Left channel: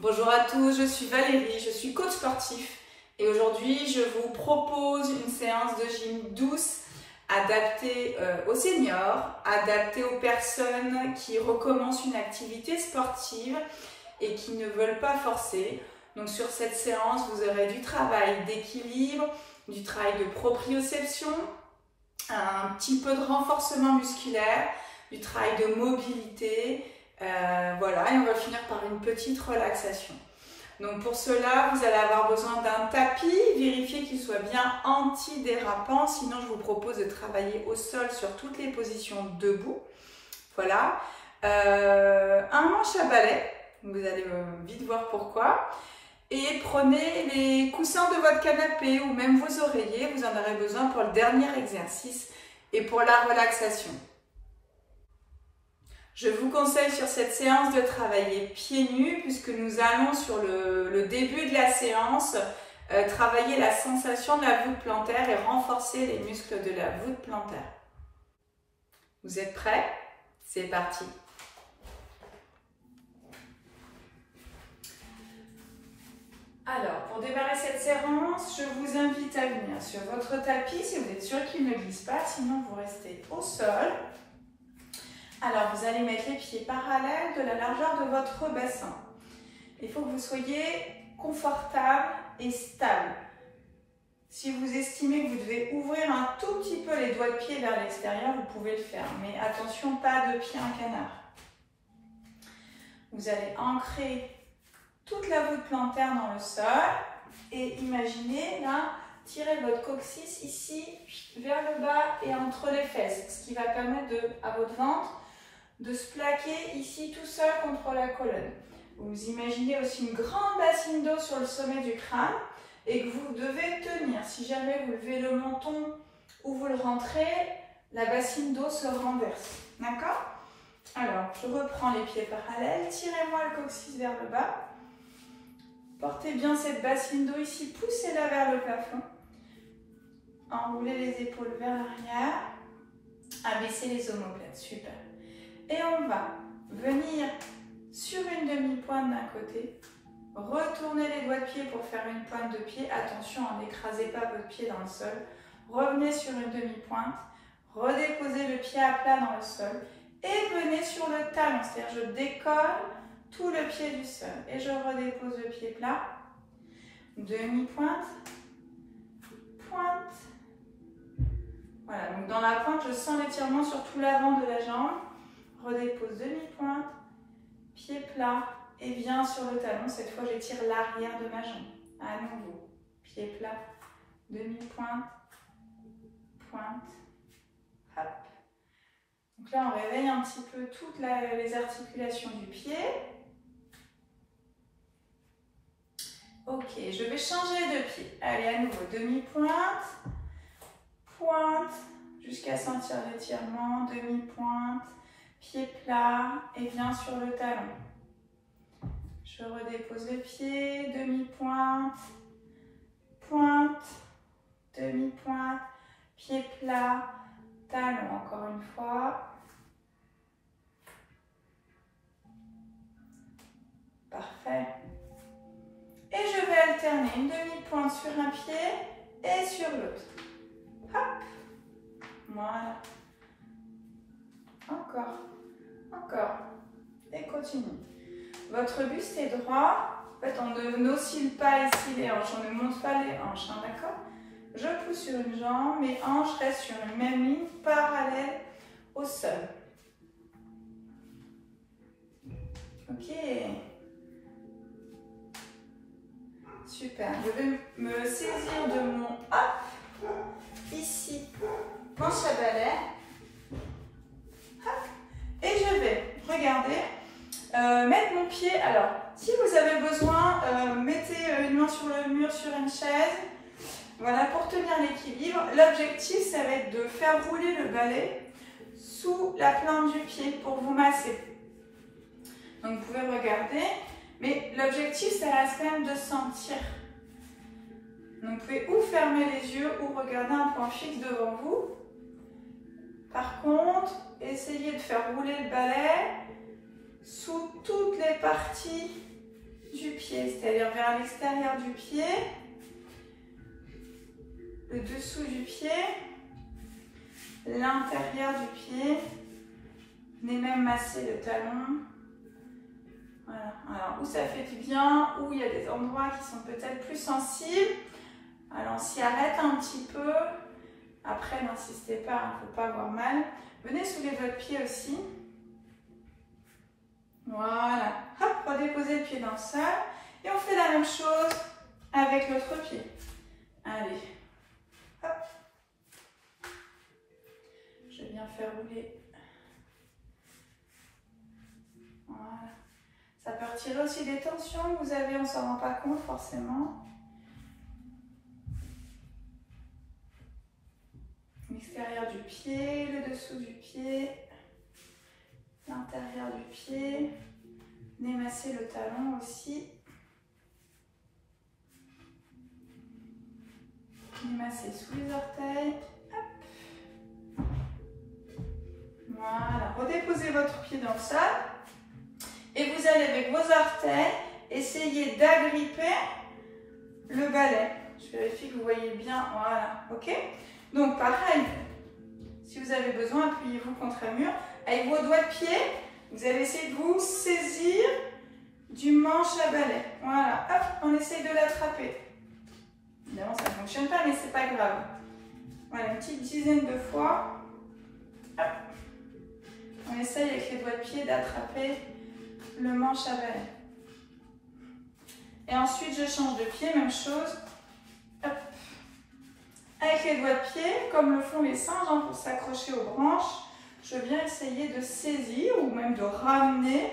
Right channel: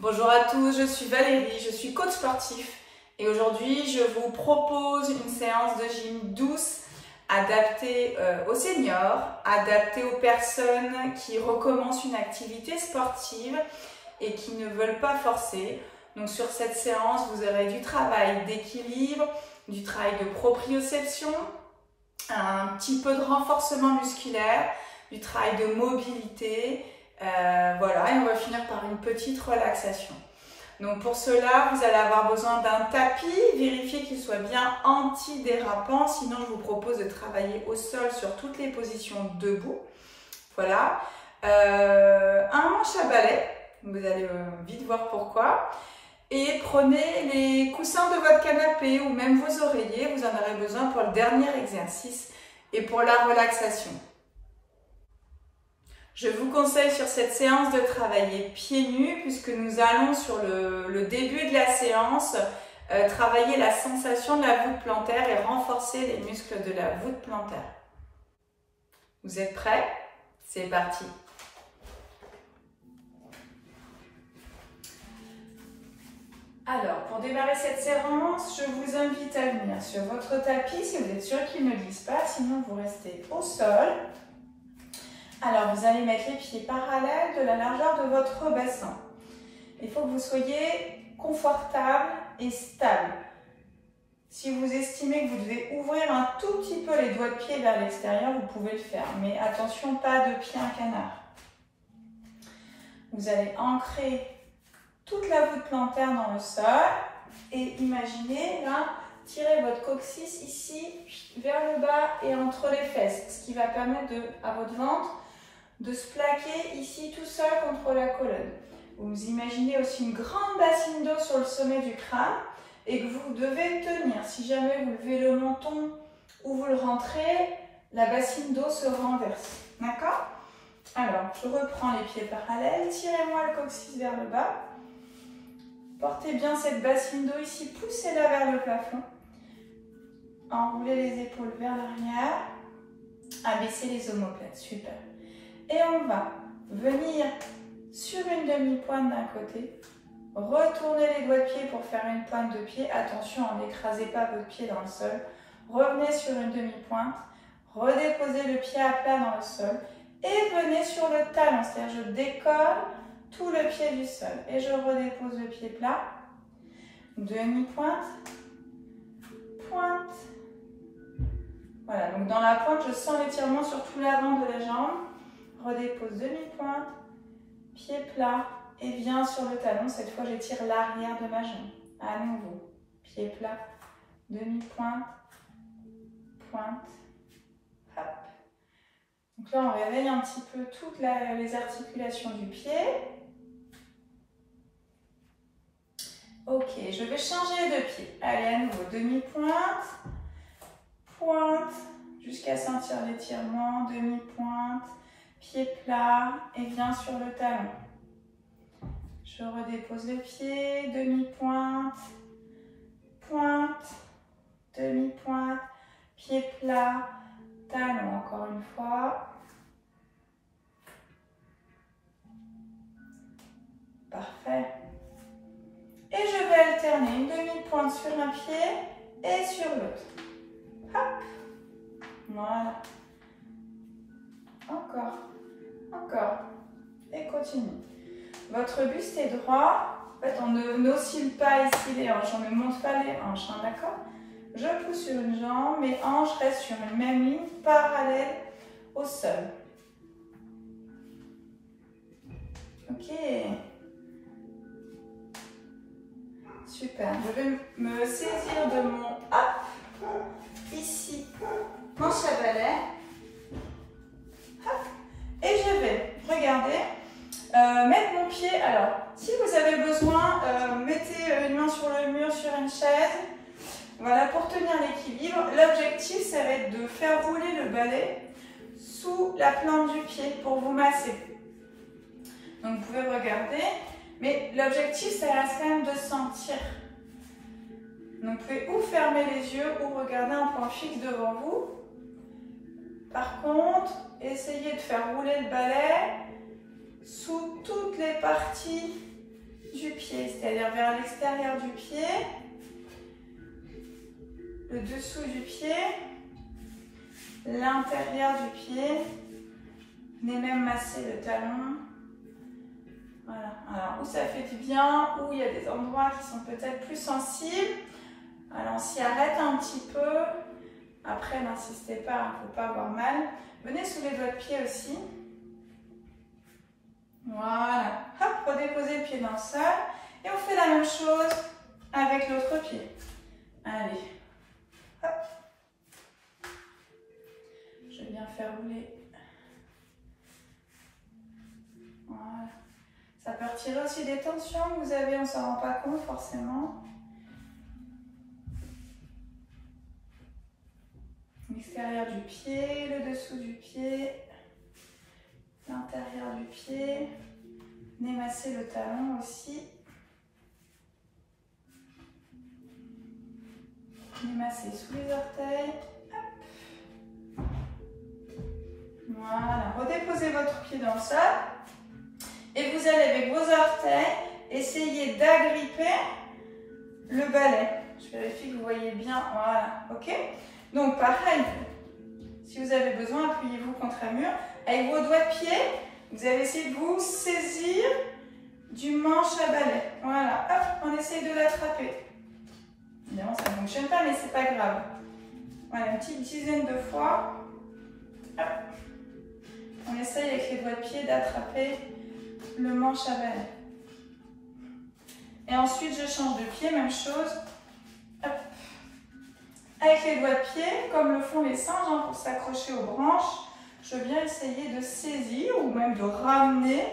Bonjour à tous, je suis Valérie, je suis coach sportif et aujourd'hui je vous propose une séance de gym douce adaptée aux seniors, adaptée aux personnes qui recommencent une activité sportive et qui ne veulent pas forcer. Donc sur cette séance, vous aurez du travail d'équilibre, du travail de proprioception, un petit peu de renforcement musculaire, du travail de mobilité. Voilà, et on va finir par une petite relaxation. Donc pour cela, vous allez avoir besoin d'un tapis, vérifiez qu'il soit bien anti-dérapant, sinon je vous propose de travailler au sol sur toutes les positions debout. Voilà, un manche à balai, vous allez vite voir pourquoi. Et prenez les coussins de votre canapé ou même vos oreillers, vous en aurez besoin pour le dernier exercice et pour la relaxation. Je vous conseille sur cette séance de travailler pieds nus puisque nous allons sur le début de la séance travailler la sensation de la voûte plantaire et renforcer les muscles de la voûte plantaire. Vous êtes prêts? C'est parti! Alors, pour démarrer cette séance, je vous invite à venir sur votre tapis si vous êtes sûr qu'il ne glisse pas, sinon vous restez au sol. Alors, vous allez mettre les pieds parallèles de la largeur de votre bassin. Il faut que vous soyez confortable et stable. Si vous estimez que vous devez ouvrir un tout petit peu les doigts de pied vers l'extérieur, vous pouvez le faire. Mais attention, pas de pied en canard. Vous allez ancrer toute la voûte plantaire dans le sol et imaginez là, tirez votre coccyx ici vers le bas et entre les fesses, ce qui va permettre à votre ventre de se plaquer ici tout seul contre la colonne. Vous imaginez aussi une grande bassine d'eau sur le sommet du crâne et que vous devez tenir. Si jamais vous levez le menton ou vous le rentrez, la bassine d'eau se renverse. D'accord? Alors, je reprends les pieds parallèles, tirez-moi le coccyx vers le bas. Portez bien cette bassine d'eau ici, poussez-la vers le plafond. Enroulez les épaules vers l'arrière. Abaissez les omoplates, super. Et on va venir sur une demi-pointe d'un côté, retournez les doigts de pied pour faire une pointe de pied. Attention, n'écrasez pas votre pied dans le sol. Revenez sur une demi-pointe, redéposez le pied à plat dans le sol et venez sur le talon, c'est-à-dire je décolle tout le pied du sol et je redépose le pied plat. Demi-pointe, pointe. Voilà, donc dans la pointe, je sens l'étirement sur tout l'avant de la jambe. Redépose demi-pointe, pied plat et viens sur le talon. Cette fois, j'étire l'arrière de ma jambe. À nouveau, pied plat, demi-pointe, pointe, hop. Donc là, on réveille un petit peu toutes les articulations du pied. Ok, je vais changer de pied. Allez, à nouveau, demi-pointe, pointe, jusqu'à sentir l'étirement, demi-pointe, pied plat et viens sur le talon. Je redépose le pied, demi-pointe, pointe, demi-pointe, pied plat, talon encore une fois. Parfait. Et je vais alterner une demi-pointe sur un pied et sur l'autre. Hop. Voilà. Encore. Encore. Et continue. Votre buste est droit. En fait, on n'oscille pas ici les hanches. On ne monte pas les hanches. Hein, d'accord? Je pousse sur une jambe. Mes hanches restent sur une même ligne parallèle au sol. Ok. Super. Je vais me saisir de mon ici, manche à balai. Et je vais, regardez, mettre mon pied. Alors, si vous avez besoin, mettez une main sur le mur, sur une chaise. Voilà, pour tenir l'équilibre. L'objectif, ça va être de faire rouler le balai sous la plante du pied pour vous masser. Donc, vous pouvez regarder. Mais l'objectif, ça reste quand même de sentir. Donc, vous pouvez ou fermer les yeux ou regarder un point fixe devant vous. Par contre, essayez de faire rouler le balai sous toutes les parties du pied, c'est-à-dire vers l'extérieur du pied, le dessous du pied, l'intérieur du pied. Venez même masser le talon. Voilà. Alors, où ça fait du bien, où il y a des endroits qui sont peut-être plus sensibles. Alors, on s'y arrête un petit peu. Après, n'insistez pas, il ne faut pas avoir mal. Venez sous les doigts de pied aussi. Voilà. Hop, redéposez le pied dans le sol. Et on fait la même chose avec l'autre pied. Allez. Hop. Je vais bien faire rouler. Voilà. Ça peut retirer aussi des tensions que vous avez, on ne s'en rend pas compte forcément. L'extérieur du pied, le dessous du pied, l'intérieur du pied. Venez masser le talon aussi. Venez masser sous les orteils. Hop. Voilà, redéposez votre pied dans le sol. Et vous allez avec vos orteils essayer d'agripper le balai. Je vérifie que vous voyez bien. Voilà, ok? Donc pareil, si vous avez besoin, appuyez-vous contre un mur. Avec vos doigts de pied, vous allez essayer de vous saisir du manche à balai. Voilà, hop, on essaye de l'attraper. Évidemment, ça ne fonctionne pas, mais c'est pas grave. Voilà, une petite dizaine de fois. Hop. On essaye avec les doigts de pied d'attraper le manche à balai. Et ensuite, je change de pied, même chose. Hop. Avec les doigts de pied, comme le font les singes, hein, pour s'accrocher aux branches, je viens essayer de saisir ou même de ramener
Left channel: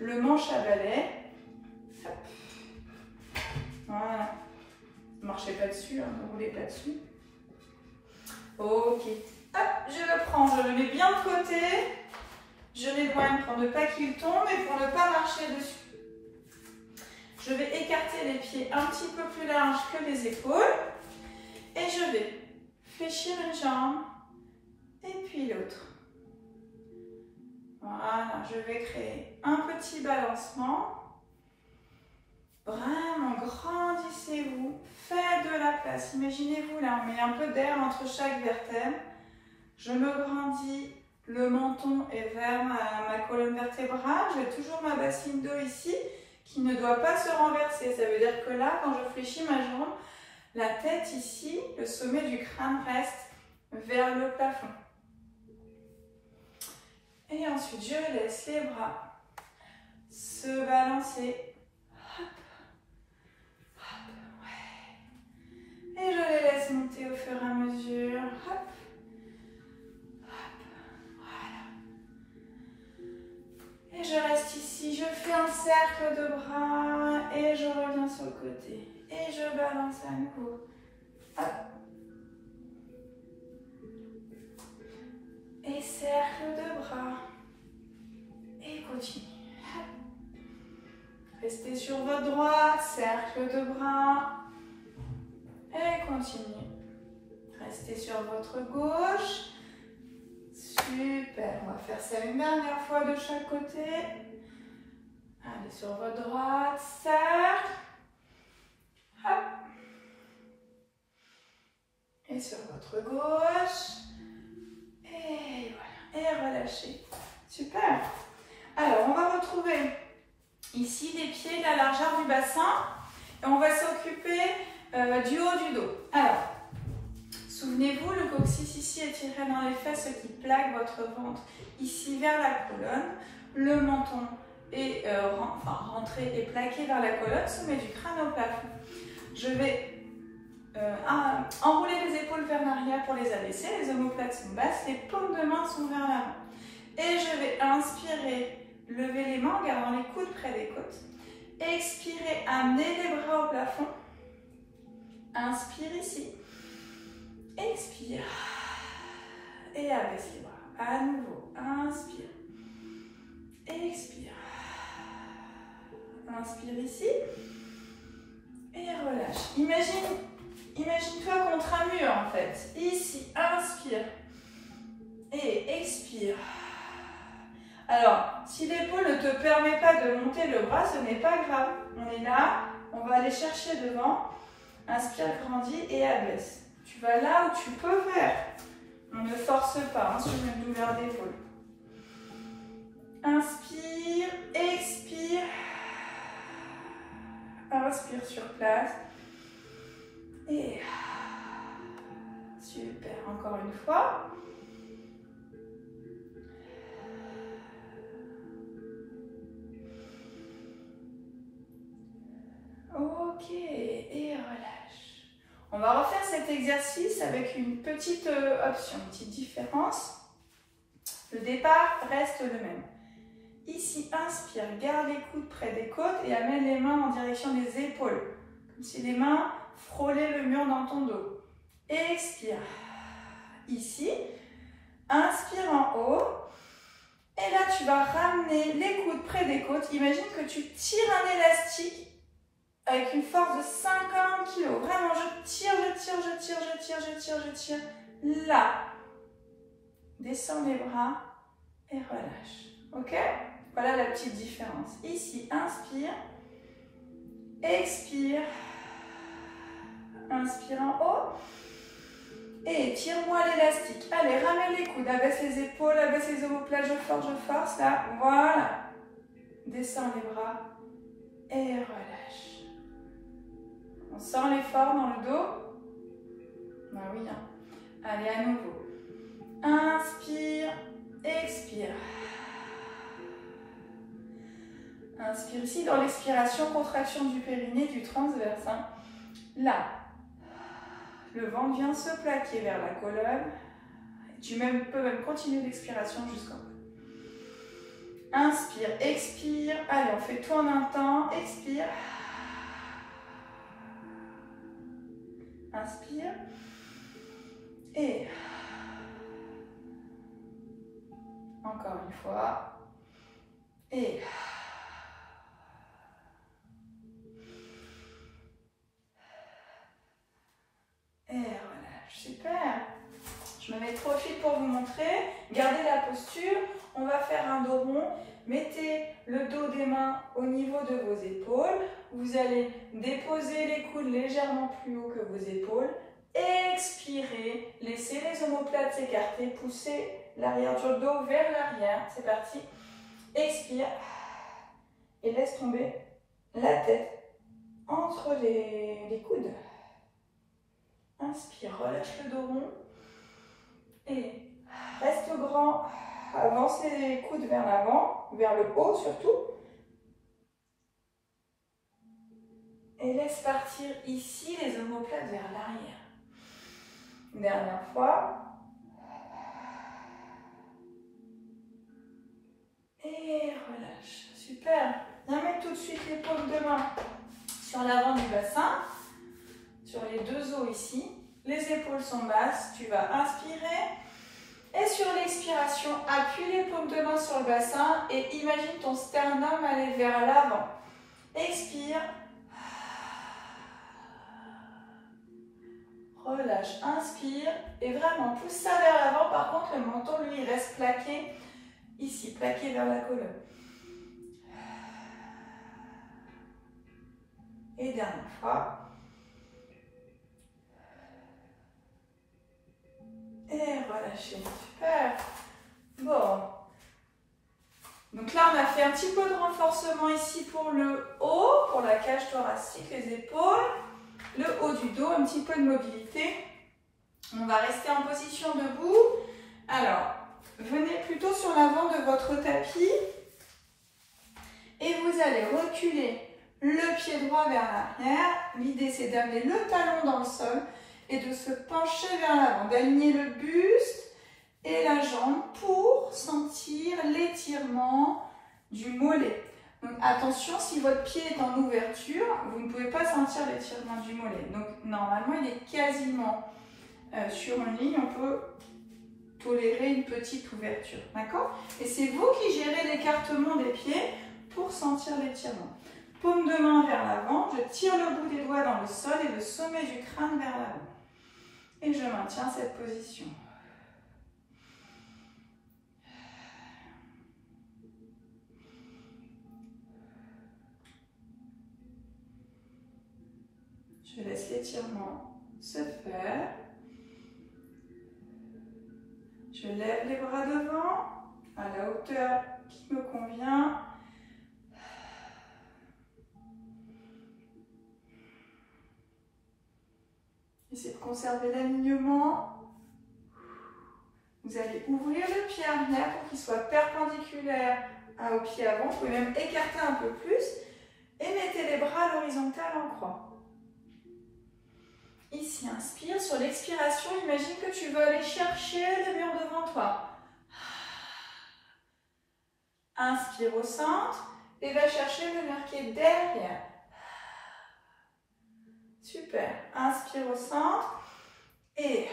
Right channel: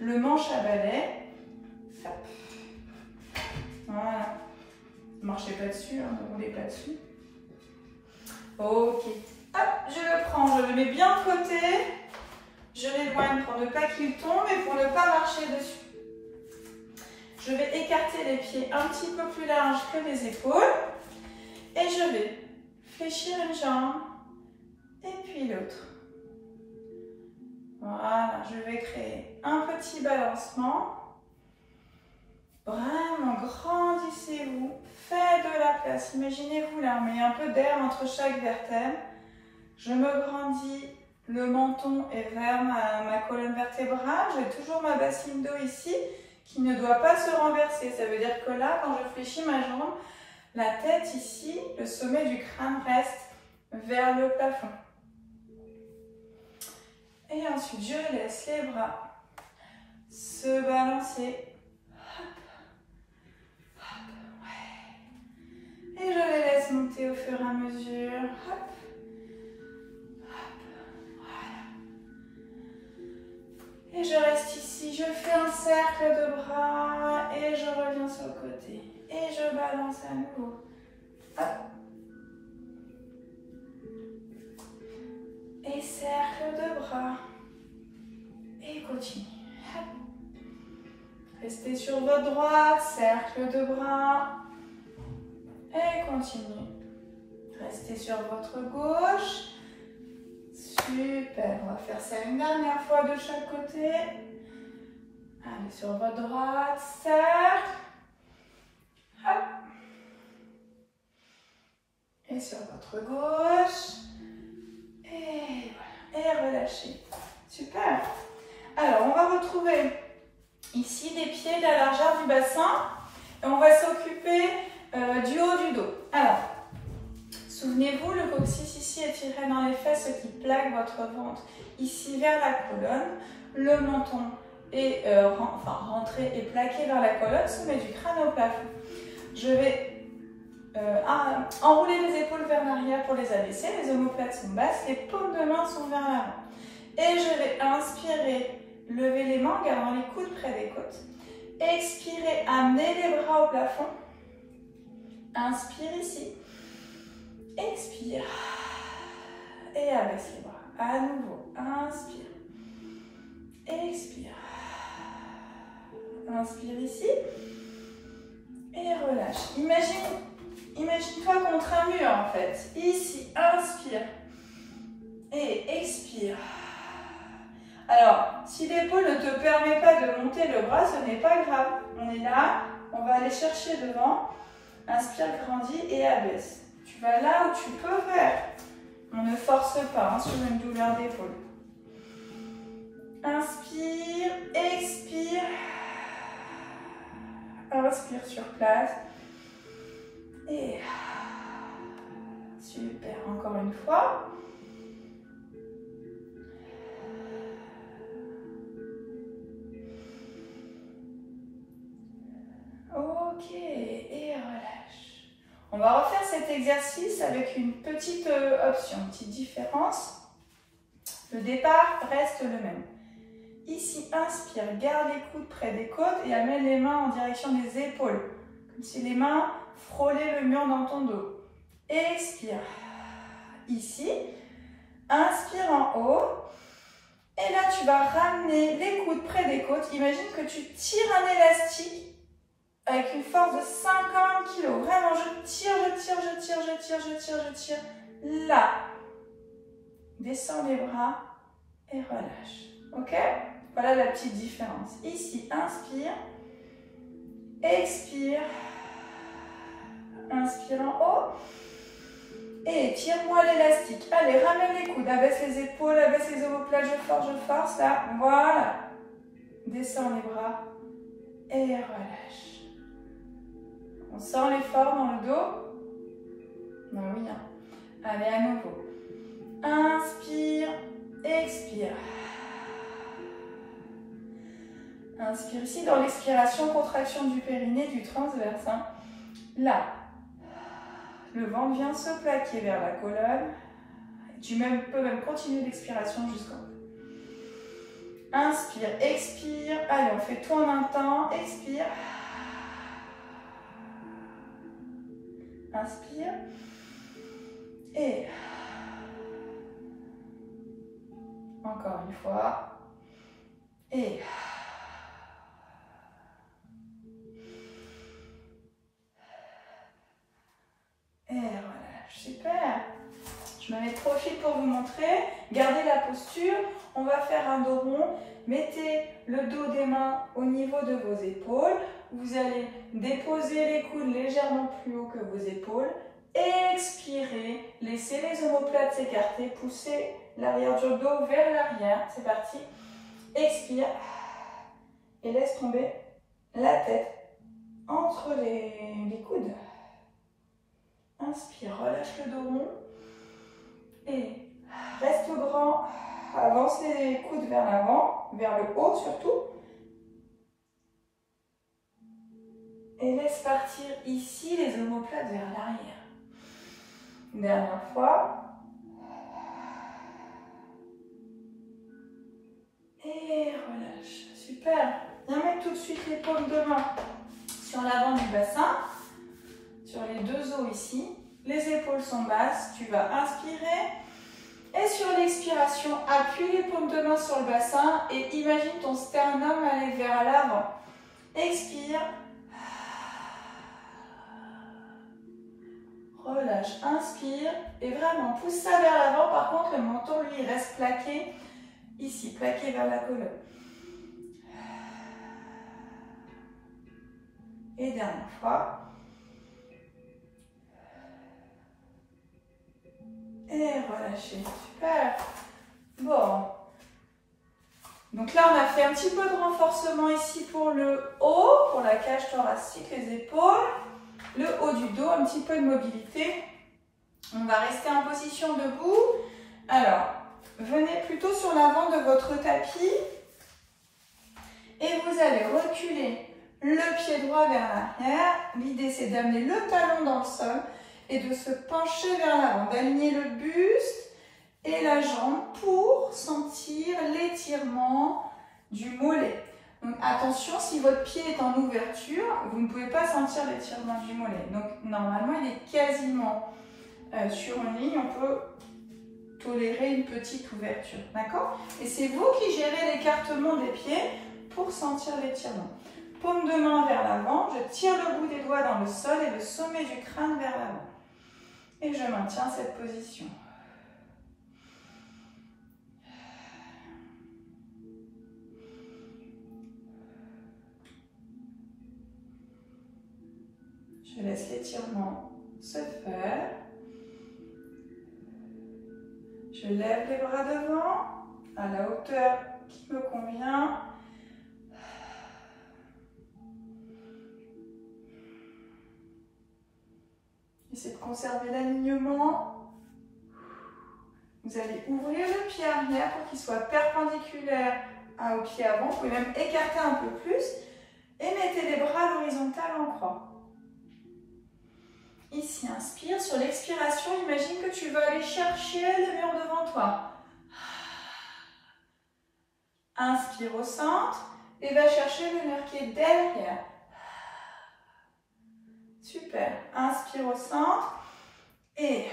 le manche à balai. Hop. Voilà. Ne marchez pas dessus, hein, ne roulez pas dessus. Ok. Hop, je le prends, je le mets bien de côté. Je l'éloigne pour ne pas qu'il tombe et pour ne pas marcher dessus. Je vais écarter les pieds un petit peu plus larges que les épaules. Et je vais fléchir une jambe et puis l'autre. Voilà, je vais créer un petit balancement. Vraiment, grandissez-vous, faites de la place. Imaginez-vous là, on met un peu d'air entre chaque vertèbre. Je me grandis, le menton est vers ma colonne vertébrale. J'ai toujours ma bassine d'eau ici qui ne doit pas se renverser. Ça veut dire que là, quand je fléchis ma jambe, la tête ici, le sommet du crâne reste vers le plafond. Et ensuite, je laisse les bras se balancer. Hop, hop, ouais. Et je les laisse monter au fur et à mesure. Hop, hop, voilà. Et je reste ici. Je fais un cercle de bras et je reviens sur le côté. Et je balance à nouveau. Hop. Et cercle de bras. Et continue. Hop. Restez sur votre droite, cercle de bras. Et continue. Restez sur votre gauche. Super. On va faire ça une dernière fois de chaque côté. Allez, sur votre droite, cercle. Hop. Et sur votre gauche. Et voilà. Et relâchez. Super. Alors, on va retrouver ici les pieds de la largeur du bassin. Et on va s'occuper du haut du dos. Alors, souvenez-vous, le coccyx ici est tiré dans les fesses, ce qui plaque votre ventre ici vers la colonne. Le menton est rentré et plaqué vers la colonne, sommet du crâne au plafond. Je vais enrouler les épaules vers l'arrière pour les abaisser, les omoplates sont basses, les paumes de main sont vers l'avant. Et je vais inspirer, lever les mains en gardant les coudes près des côtes. Expirez, amenez les bras au plafond. Inspire ici. Expire. Et abaisse les bras. À nouveau, inspire. Expire. Inspire ici. Et relâche. Imagine-toi contre un mur en fait. Ici, inspire. Et expire. Alors, si l'épaule ne te permet pas de monter le bras, ce n'est pas grave. On est là, on va aller chercher devant. Inspire, grandis et abaisse. Tu vas là où tu peux faire. On ne force pas sur une douleur d'épaule. Inspire, expire. Inspire sur place. Et super, encore une fois. Ok, et relâche. On va refaire cet exercice avec une petite option, une petite différence. Le départ reste le même. Ici, inspire, garde les coudes près des côtes et amène les mains en direction des épaules. Comme si les mains frôlaient le mur dans ton dos. Expire. Ici, inspire en haut. Et là, tu vas ramener les coudes près des côtes. Imagine que tu tires un élastique avec une force de 50 kg. Vraiment, je tire, je tire, je tire, je tire, je tire, je tire. Là. Descends les bras et relâche. Ok? Voilà la petite différence. Ici, inspire. Expire. Inspire en haut. Et tire-moi l'élastique. Allez, ramène les coudes. Abaisse les épaules, abaisse les omoplates. Je force. Là, voilà. Descends les bras et relâche. On sent l'effort dans le dos? Non, oui. Hein. Allez, à nouveau. Inspire, expire. Inspire ici. Dans l'expiration, contraction du périnée, du transverse. Hein. Là, le ventre vient se plaquer vers la colonne. Tu peux même continuer l'expiration jusqu'en haut. Inspire, expire. Allez, on fait tout en un temps. Expire. Inspire. Et encore une fois. Et relâche. Super. Je me mets de profil pour vous montrer. Gardez la posture. On va faire un dos rond. Mettez le dos des mains au niveau de vos épaules. Vous allez déposer les coudes légèrement plus haut que vos épaules. Expirez. Laissez les omoplates s'écarter. Poussez l'arrière du dos vers l'arrière. C'est parti. Expire. Et laisse tomber la tête entre les coudes. Inspire, relâche le dos rond. Et reste grand. Avance les coudes vers l'avant, vers le haut surtout. Et laisse partir ici les omoplates vers l'arrière. Dernière fois. Et relâche. Super. Viens mettre tout de suite les paumes de main sur l'avant du bassin, sur les deux os ici. Les épaules sont basses. Tu vas inspirer. Et sur l'expiration, appuie les paumes de main sur le bassin et imagine ton sternum aller vers l'avant. Expire. Relâche, inspire et vraiment pousse ça vers l'avant. Par contre, le menton, lui, il reste plaqué ici, plaqué vers la colonne. Et dernière fois. Et relâchez. Super. Bon. Donc là, on a fait un petit peu de renforcement ici pour le haut, pour la cage thoracique, les épaules. Le haut du dos, un petit peu de mobilité. On va rester en position debout. Alors, venez plutôt sur l'avant de votre tapis. Et vous allez reculer le pied droit vers l'arrière. L'idée, c'est d'amener le talon dans le sol et de se pencher vers l'avant, d'aligner le buste et la jambe pour sentir l'étirement du mollet. Donc attention, si votre pied est en ouverture, vous ne pouvez pas sentir l'étirement du mollet. Donc normalement, il est quasiment sur une ligne, on peut tolérer une petite ouverture. D'accord? Et c'est vous qui gérez l'écartement des pieds pour sentir l'étirement. Paume de main vers l'avant, je tire le bout des doigts dans le sol et le sommet du crâne vers l'avant. Et je maintiens cette position. Je laisse l'étirement se faire. Je lève les bras devant à la hauteur qui me convient. Essayez de conserver l'alignement. Vous allez ouvrir le pied arrière pour qu'il soit perpendiculaire au pied avant. Vous pouvez même écarter un peu plus et mettez les bras à l'horizontale en croix. Ici, inspire. Sur l'expiration, imagine que tu vas aller chercher le mur devant toi. Inspire au centre et va chercher le mur qui est derrière. Super. Inspire au centre et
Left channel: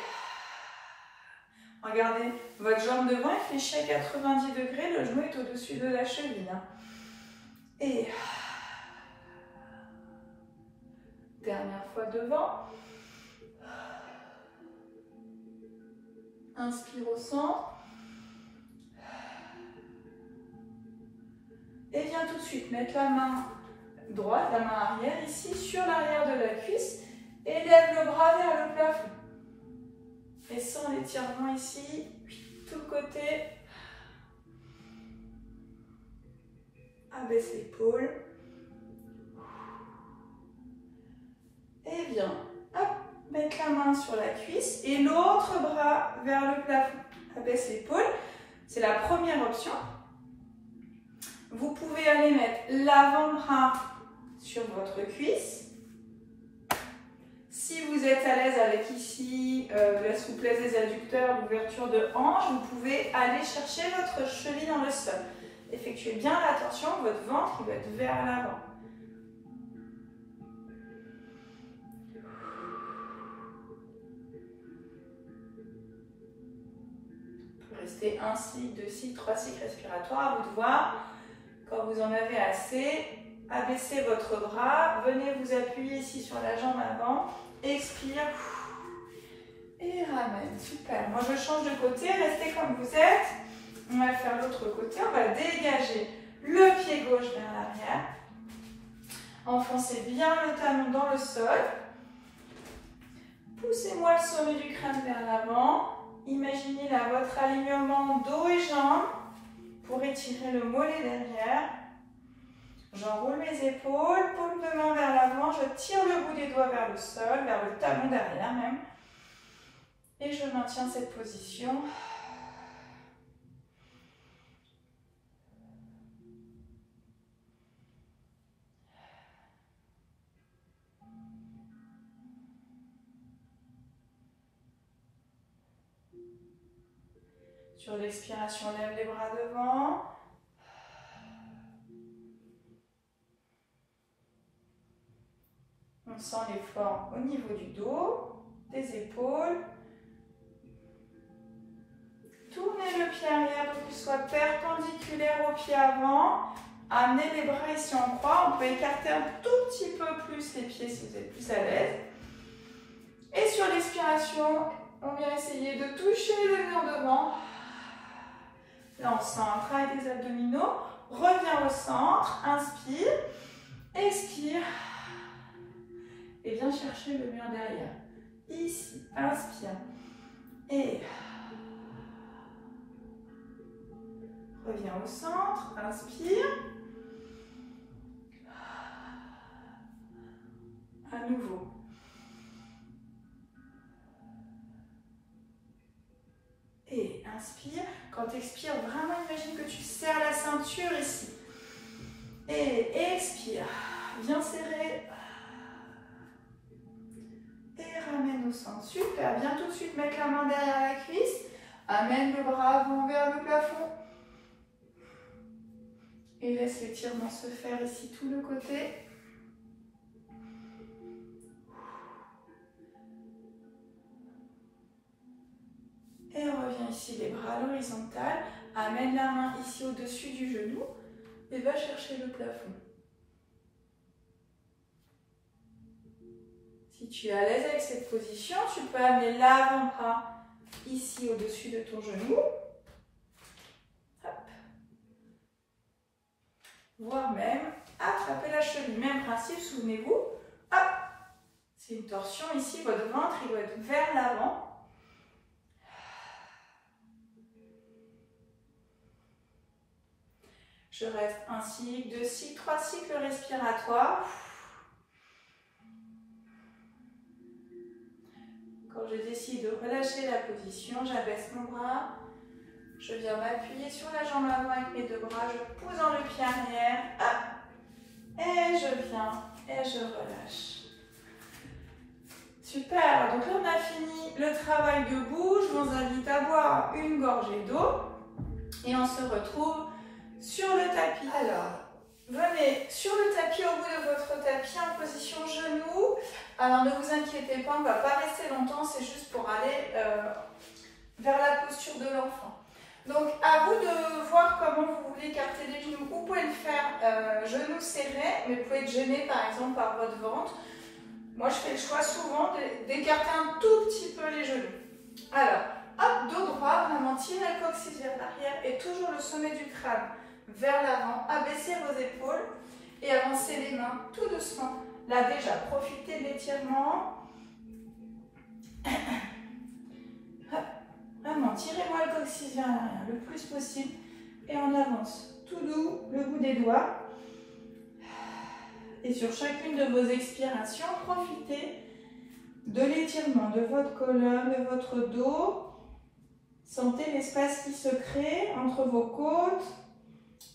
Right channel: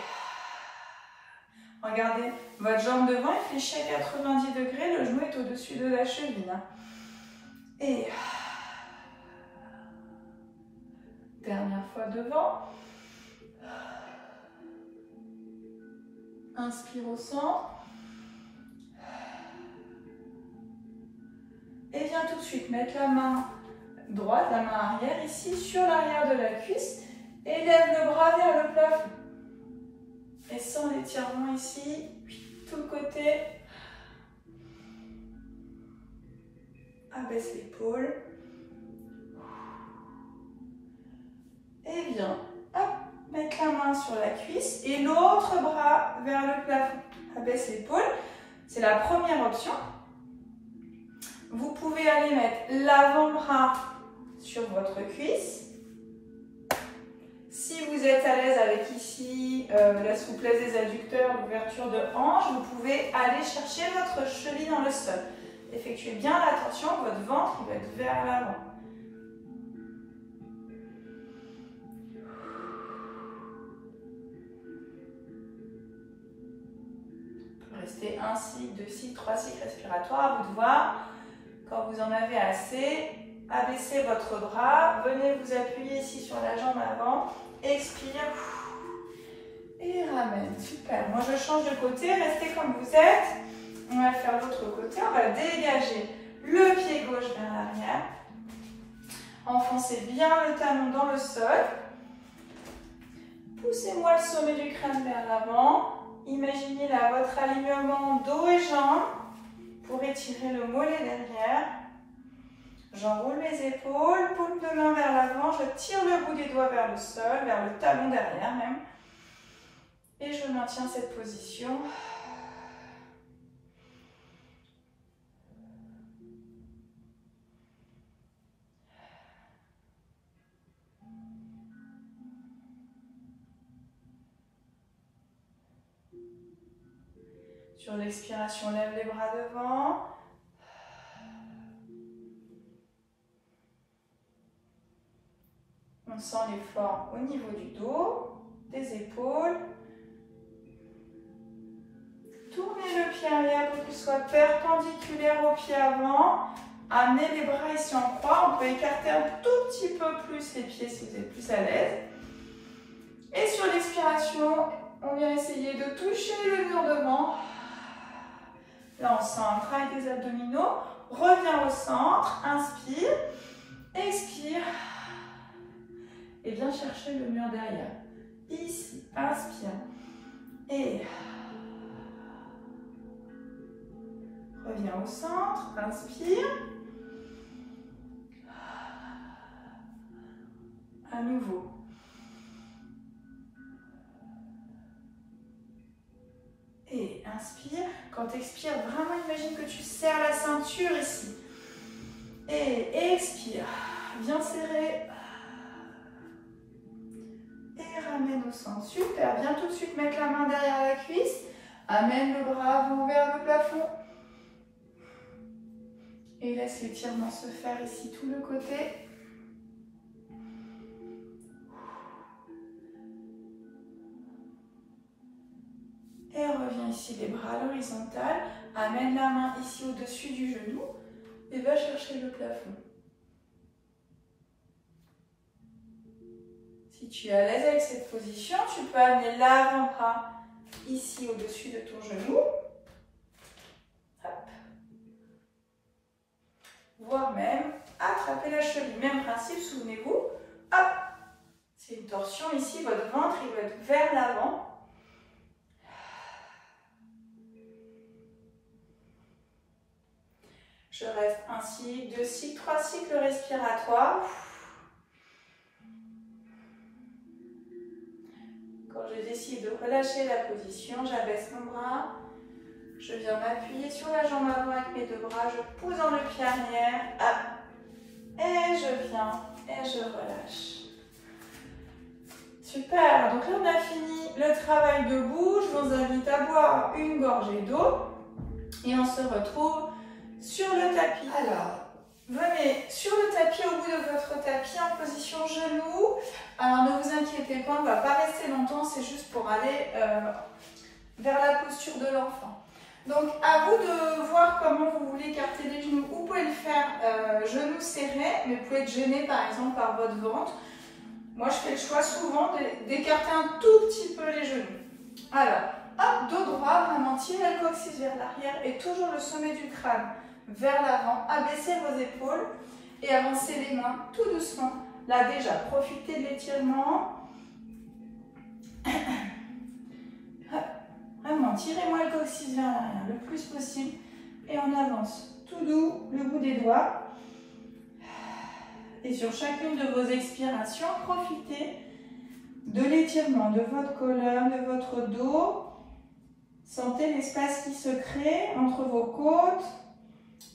regardez votre jambe devant, il fléchit à 90 degrés, le genou est au-dessus de la cheville. Et dernière fois devant. Inspire au centre. Et viens tout de suite mettre la main droite, la main arrière ici sur l'arrière de la cuisse et lève le bras vers le plafond. Et sans l'étirement ici, tout le côté. Abaisse l'épaule. Et viens, hop, mettre la main sur la cuisse et l'autre bras vers le plafond. Abaisse l'épaule. C'est la première option. Vous pouvez aller mettre l'avant-bras sur votre cuisse. Si vous êtes à l'aise avec ici la souplesse des adducteurs, l'ouverture de hanche, vous pouvez aller chercher votre cheville dans le sol. Effectuez bien l'attention, votre ventre il va être vers l'avant. Vous pouvez rester un cycle, 2 cycles, 3 cycles respiratoires, à vous de voir. Quand vous en avez assez, abaissez votre bras, venez vous appuyer ici sur la jambe avant, expire et ramène. Super. Moi je change de côté, restez comme vous êtes. On va faire l'autre côté, on va dégager le pied gauche vers l'arrière. Enfoncez bien le talon dans le sol. Poussez-moi le sommet du crâne vers l'avant. Imaginez là votre alignement dos et jambes pour étirer le mollet derrière. J'enroule mes épaules, paume de main vers l'avant, je tire le bout des doigts vers le sol, vers le talon derrière même. Et je maintiens cette position. Sur l'expiration, lève les bras devant. On sent l'effort au niveau du dos, des épaules. Tournez le pied arrière pour qu'il soit perpendiculaire au pied avant. Amenez les bras ici en croix. On peut écarter un tout petit peu plus les pieds si vous êtes plus à l'aise. Et sur l'expiration, on vient essayer de toucher le mur devant. Là, on sent un travail des abdominaux. Reviens au centre. Inspire. Expire. Et viens chercher le mur derrière. Ici, inspire. Et reviens au centre. Inspire. À nouveau. Et inspire. Quand tu expires, vraiment imagine que tu serres la ceinture ici. Et expire. Viens serrer. Et ramène au centre. Super. Viens tout de suite mettre la main derrière la cuisse. Amène le bras avant vers le plafond. Et laisse l'étirement se faire ici tout le côté. Et reviens ici les bras à l'horizontale. Amène la main ici au-dessus du genou. Et va chercher le plafond. Si tu es à l'aise avec cette position, tu peux amener l'avant-bras ici au-dessus de ton genou. Hop. Voire même attraper la cheville. Même principe, souvenez-vous. Hop. C'est une torsion ici, votre ventre il doit être vers l'avant. Je reste un cycle, 2 cycles, 3 cycles respiratoires. Quand je décide de relâcher la position, j'abaisse mon bras. Je viens m'appuyer sur la jambe avant avec mes 2 bras. Je pousse dans le pied arrière. Hop. Et je viens et je relâche. Super. Donc là, on a fini le travail debout. Je vous invite à boire une gorgée d'eau. Et on se retrouve sur le tapis. Alors, venez sur le tapis, au bout de votre tapis, en position genou. Alors, ne vous inquiétez pas, on ne va pas rester longtemps, c'est juste pour aller vers la posture de l'enfant. Donc, à vous de voir comment vous voulez écarter les genoux. Vous pouvez le faire genoux serrés, mais vous pouvez être gêné par exemple par votre ventre. Moi, je fais le choix souvent d'écarter un tout petit peu les genoux. Alors, hop, dos droit, vraiment tirez le coccyx vers l'arrière et toujours le sommet du crâne vers l'avant, abaissez vos épaules et avancez les mains tout doucement. Là déjà, profitez de l'étirement. Vraiment, tirez-moi le coccyx vers l'arrière le plus possible et on avance tout doux, le bout des doigts. Et sur chacune de vos expirations, profitez de l'étirement de votre colonne, de votre dos. Sentez l'espace qui se crée entre vos côtes,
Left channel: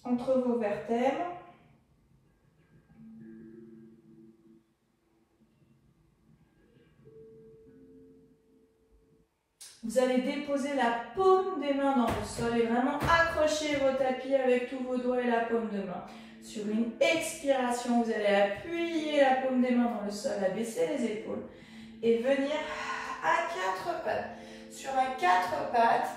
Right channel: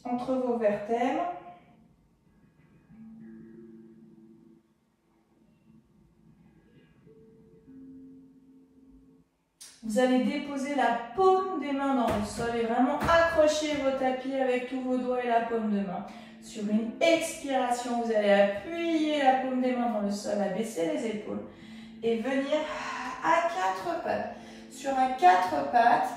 entre vos vertèbres. Vous allez déposer la paume des mains dans le sol et vraiment accrocher vos tapis avec tous vos doigts et la paume de main. Sur une expiration, vous allez appuyer la paume des mains dans le sol, abaisser les épaules et venir à 4 pattes. Sur un 4 pattes,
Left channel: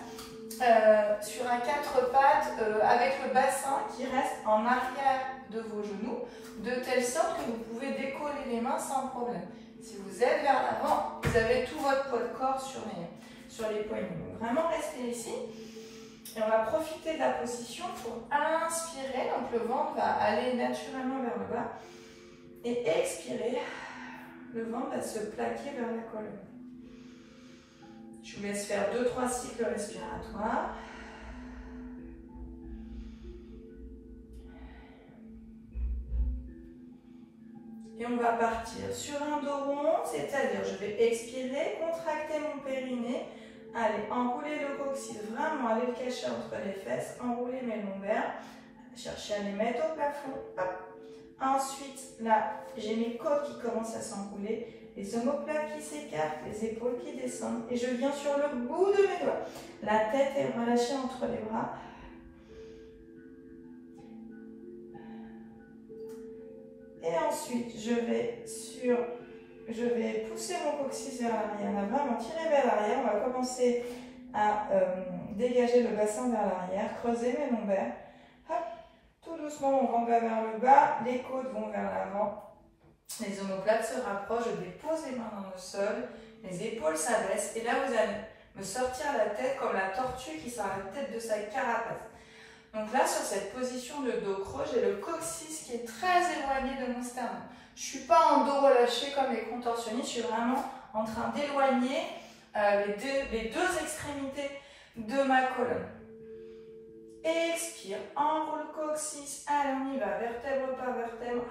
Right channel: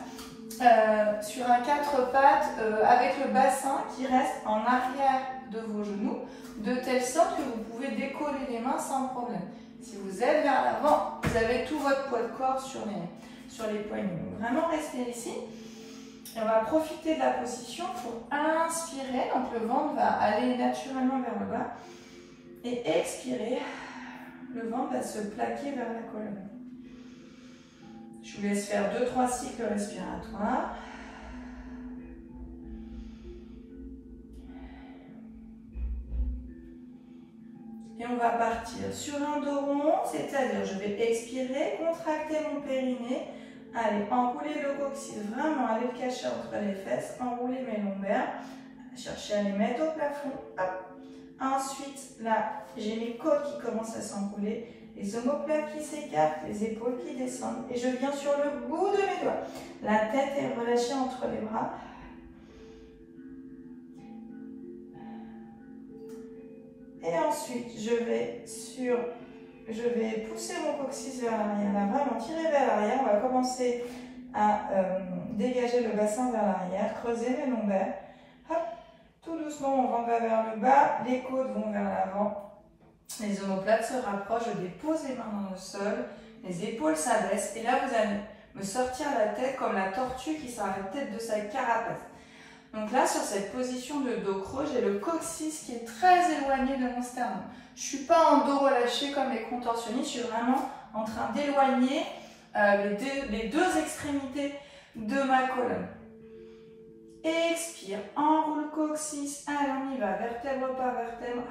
avec le bassin qui reste en arrière de vos genoux, de telle sorte que vous pouvez décoller les mains sans problème. Si vous êtes vers l'avant, vous avez tout votre poids de corps sur les poignets. Donc vraiment restez ici. Et on va profiter de la position pour inspirer. Donc le ventre va aller naturellement vers le bas. Et expirer, le ventre va se plaquer vers la colonne. Je vous laisse faire 2-3 cycles respiratoires. Et on va partir sur un dos rond, c'est-à-dire je vais expirer, contracter mon périnée, allez, enrouler le coccyx, vraiment aller le cacher entre les fesses, enrouler mes lombaires, chercher à les mettre au plafond, hop. Ensuite, là, j'ai mes côtes qui commencent à s'enrouler, les omoplates qui s'écartent, les épaules qui descendent, et je viens sur le bout de mes doigts. La tête est relâchée entre les bras. Et ensuite, je vais pousser mon coccyx vers l'arrière, vraiment tirer vers l'arrière. On va commencer à dégager le bassin vers l'arrière, creuser mes lombaires. Hop, tout doucement, on va vers le bas, les côtes vont vers l'avant, les omoplates se rapprochent, je dépose les mains dans le sol, les épaules s'abaissent et là vous allez me sortir la tête comme la tortue qui sort la tête de sa carapace. Donc là, sur cette position de dos creux, j'ai le coccyx qui est très éloigné de mon sternum. Je ne suis pas en dos relâché comme les contorsionnistes, je suis vraiment en train d'éloigner les deux extrémités de ma colonne. Expire, enroule le coccyx, allez on y va, vertèbre par vertèbre.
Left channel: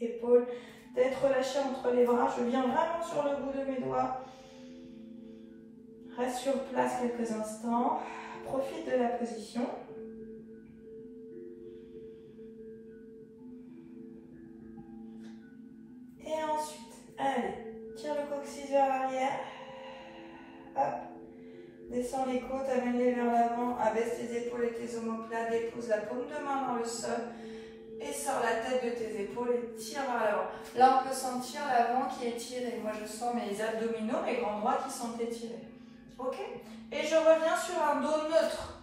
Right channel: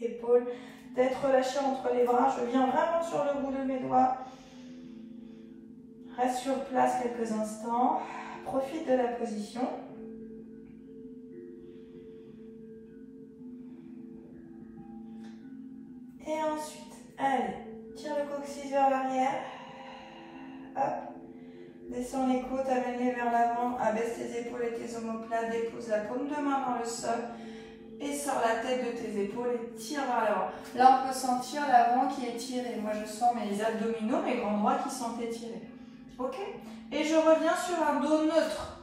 Épaules, tête relâchée entre les bras, je viens vraiment sur le bout de mes doigts. Reste sur place quelques instants, profite de la position. Et ensuite, allez, tire le coccyx vers l'arrière. Hop, descends les côtes, amène-les vers l'avant, abaisse tes épaules et tes omoplates, dépose la paume de main dans le sol et sors la tête de tes épaules et tire vers l'avant. Là, on peut sentir l'avant qui est tiré. Moi, je sens mes abdominaux, mes grands bras qui sont étirés. Ok, et je reviens sur un dos neutre,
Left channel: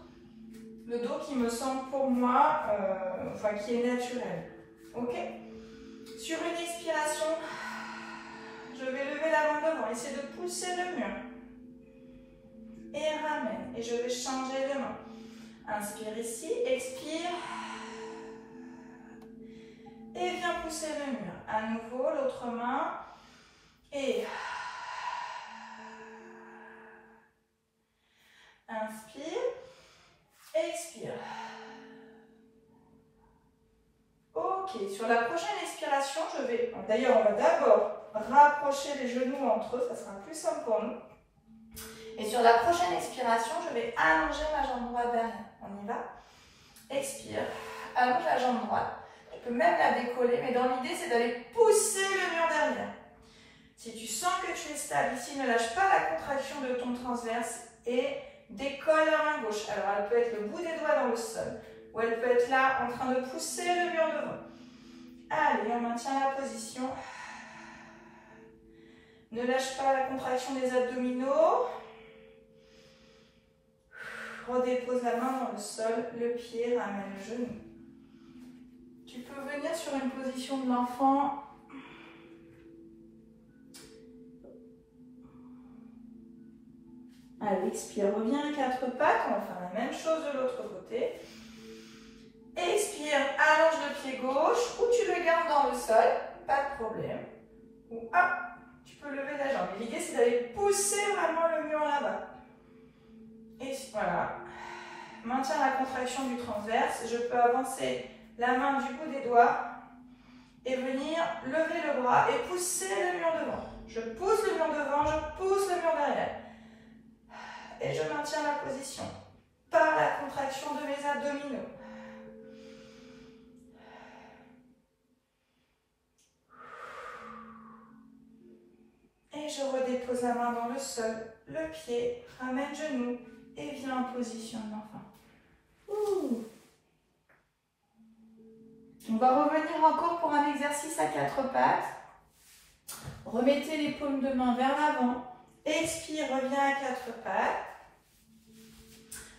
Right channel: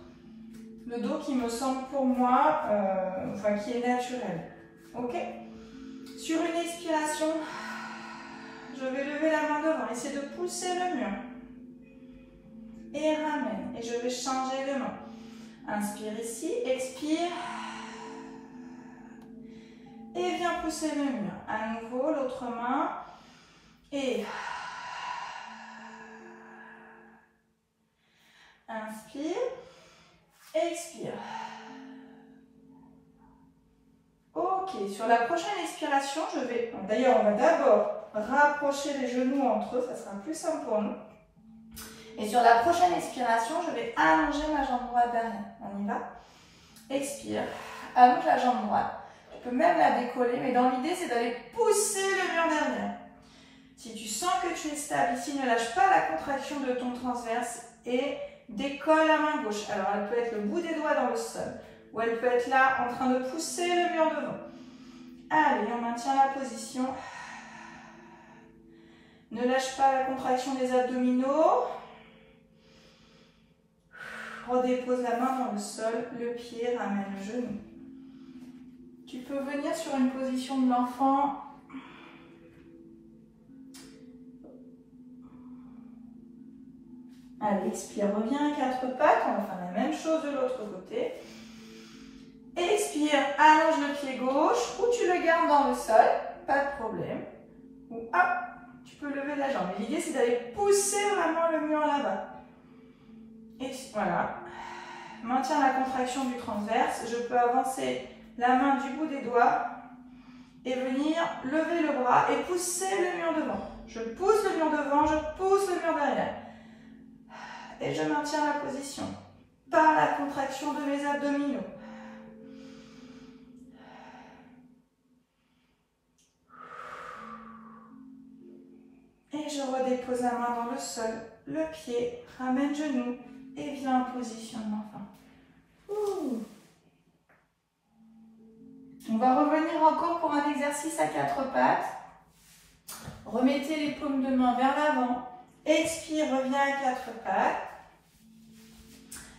le dos qui me semble pour moi, qui est naturel. Ok, sur une expiration, je vais lever la main devant, essayer de pousser le mur. Et ramène, et je vais changer de main. Inspire ici, expire. Et viens pousser le mur. À nouveau, l'autre main. Et inspire. Expire. Ok, sur la prochaine expiration, je vais... D'ailleurs, on va d'abord rapprocher les genoux entre eux, ça sera plus simple pour nous. Et sur la prochaine expiration, je vais allonger ma jambe droite derrière. On y va. Expire. Allonge la jambe droite. Tu peux même la décoller, mais dans l'idée, c'est d'aller pousser le mur derrière. Si tu sens que tu es stable ici, ne lâche pas la contraction de ton transverse et décolle la main gauche. Alors, elle peut être le bout des doigts dans le sol, ou elle peut être là en train de pousser le mur devant. Allez, on maintient la position. Ne lâche pas la contraction des abdominaux. Redépose la main dans le sol, le pied ramène le genou. Tu peux venir sur une position de l'enfant. Allez, expire, reviens à quatre pattes. On va faire la même chose de l'autre côté. Expire, allonge le pied gauche ou tu le gardes dans le sol, pas de problème. Ou hop, tu peux lever la jambe. L'idée, c'est d'aller pousser vraiment le mur là-bas. Et voilà. Maintiens la contraction du transverse. Je peux avancer la main du bout des doigts et venir lever le bras et pousser le mur devant. Je pousse le mur devant, je pousse le mur derrière. Et je maintiens la position par la contraction de mes abdominaux. Et je redépose la main dans le sol, le pied, ramène genou et viens en position de l'enfant. On va revenir encore pour un exercice à quatre pattes. Remettez les paumes de main vers l'avant. Expire, reviens à quatre pattes.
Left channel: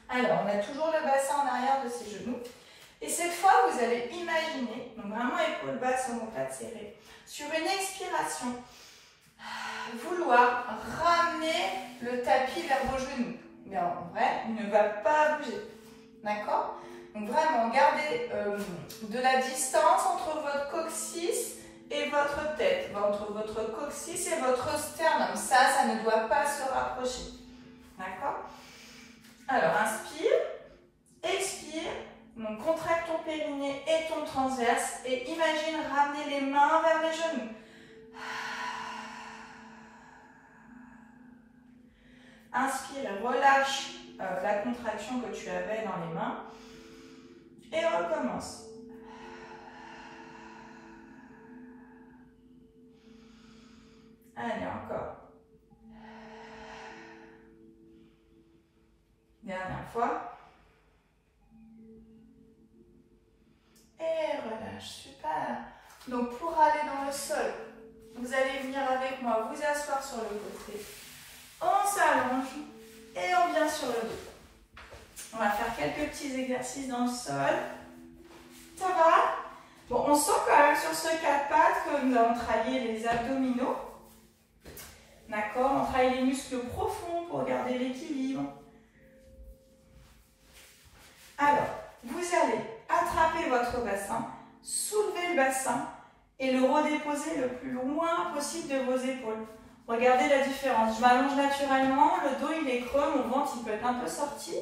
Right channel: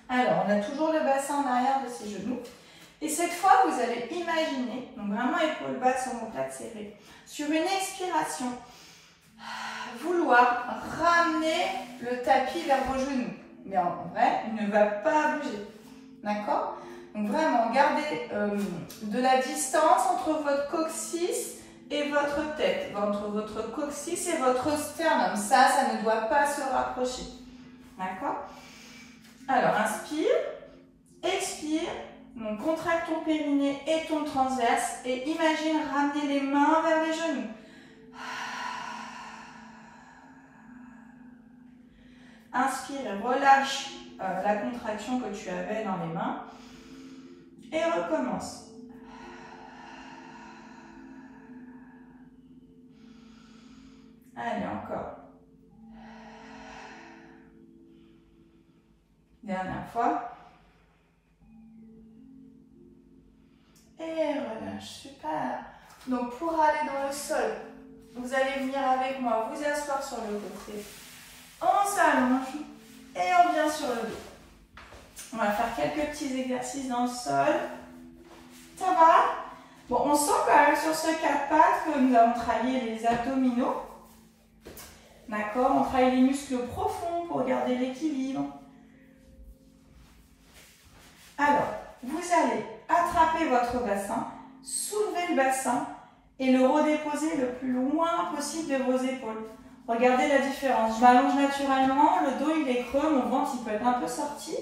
Alors, on a toujours le bassin en arrière de ses genoux. Et cette fois, vous allez imaginer, donc vraiment épaules basses, omoplates serrées, sur une expiration, vouloir ramener le tapis vers vos genoux. Mais en vrai, il ne va pas bouger. D'accord? Donc vraiment, gardez de la distance entre votre coccyx et votre tête. Entre votre coccyx et votre sternum. Ça ne doit pas se rapprocher. D'accord? Alors, inspire, expire. Donc, contracte ton périnée et ton transverse. Et imagine ramener les mains vers les genoux. Inspire et relâche la contraction que tu avais dans les mains. Et recommence. Allez, encore. Dernière fois. Et relâche, super. Donc pour aller dans le sol, vous allez venir avec moi, vous asseoir sur le côté. On s'allonge et on vient sur le dos. On va faire quelques petits exercices dans le sol. Ça va? Bon, on sent quand même sur ce quatre pattes que nous avons travaillé les abdominaux. D'accord? On travaille les muscles profonds pour garder l'équilibre. Alors, vous allez attraper votre bassin, soulever le bassin et le redéposer le plus loin possible de vos épaules. Regardez la différence. Je m'allonge naturellement, le dos il est creux, mon ventre il peut être un peu sorti.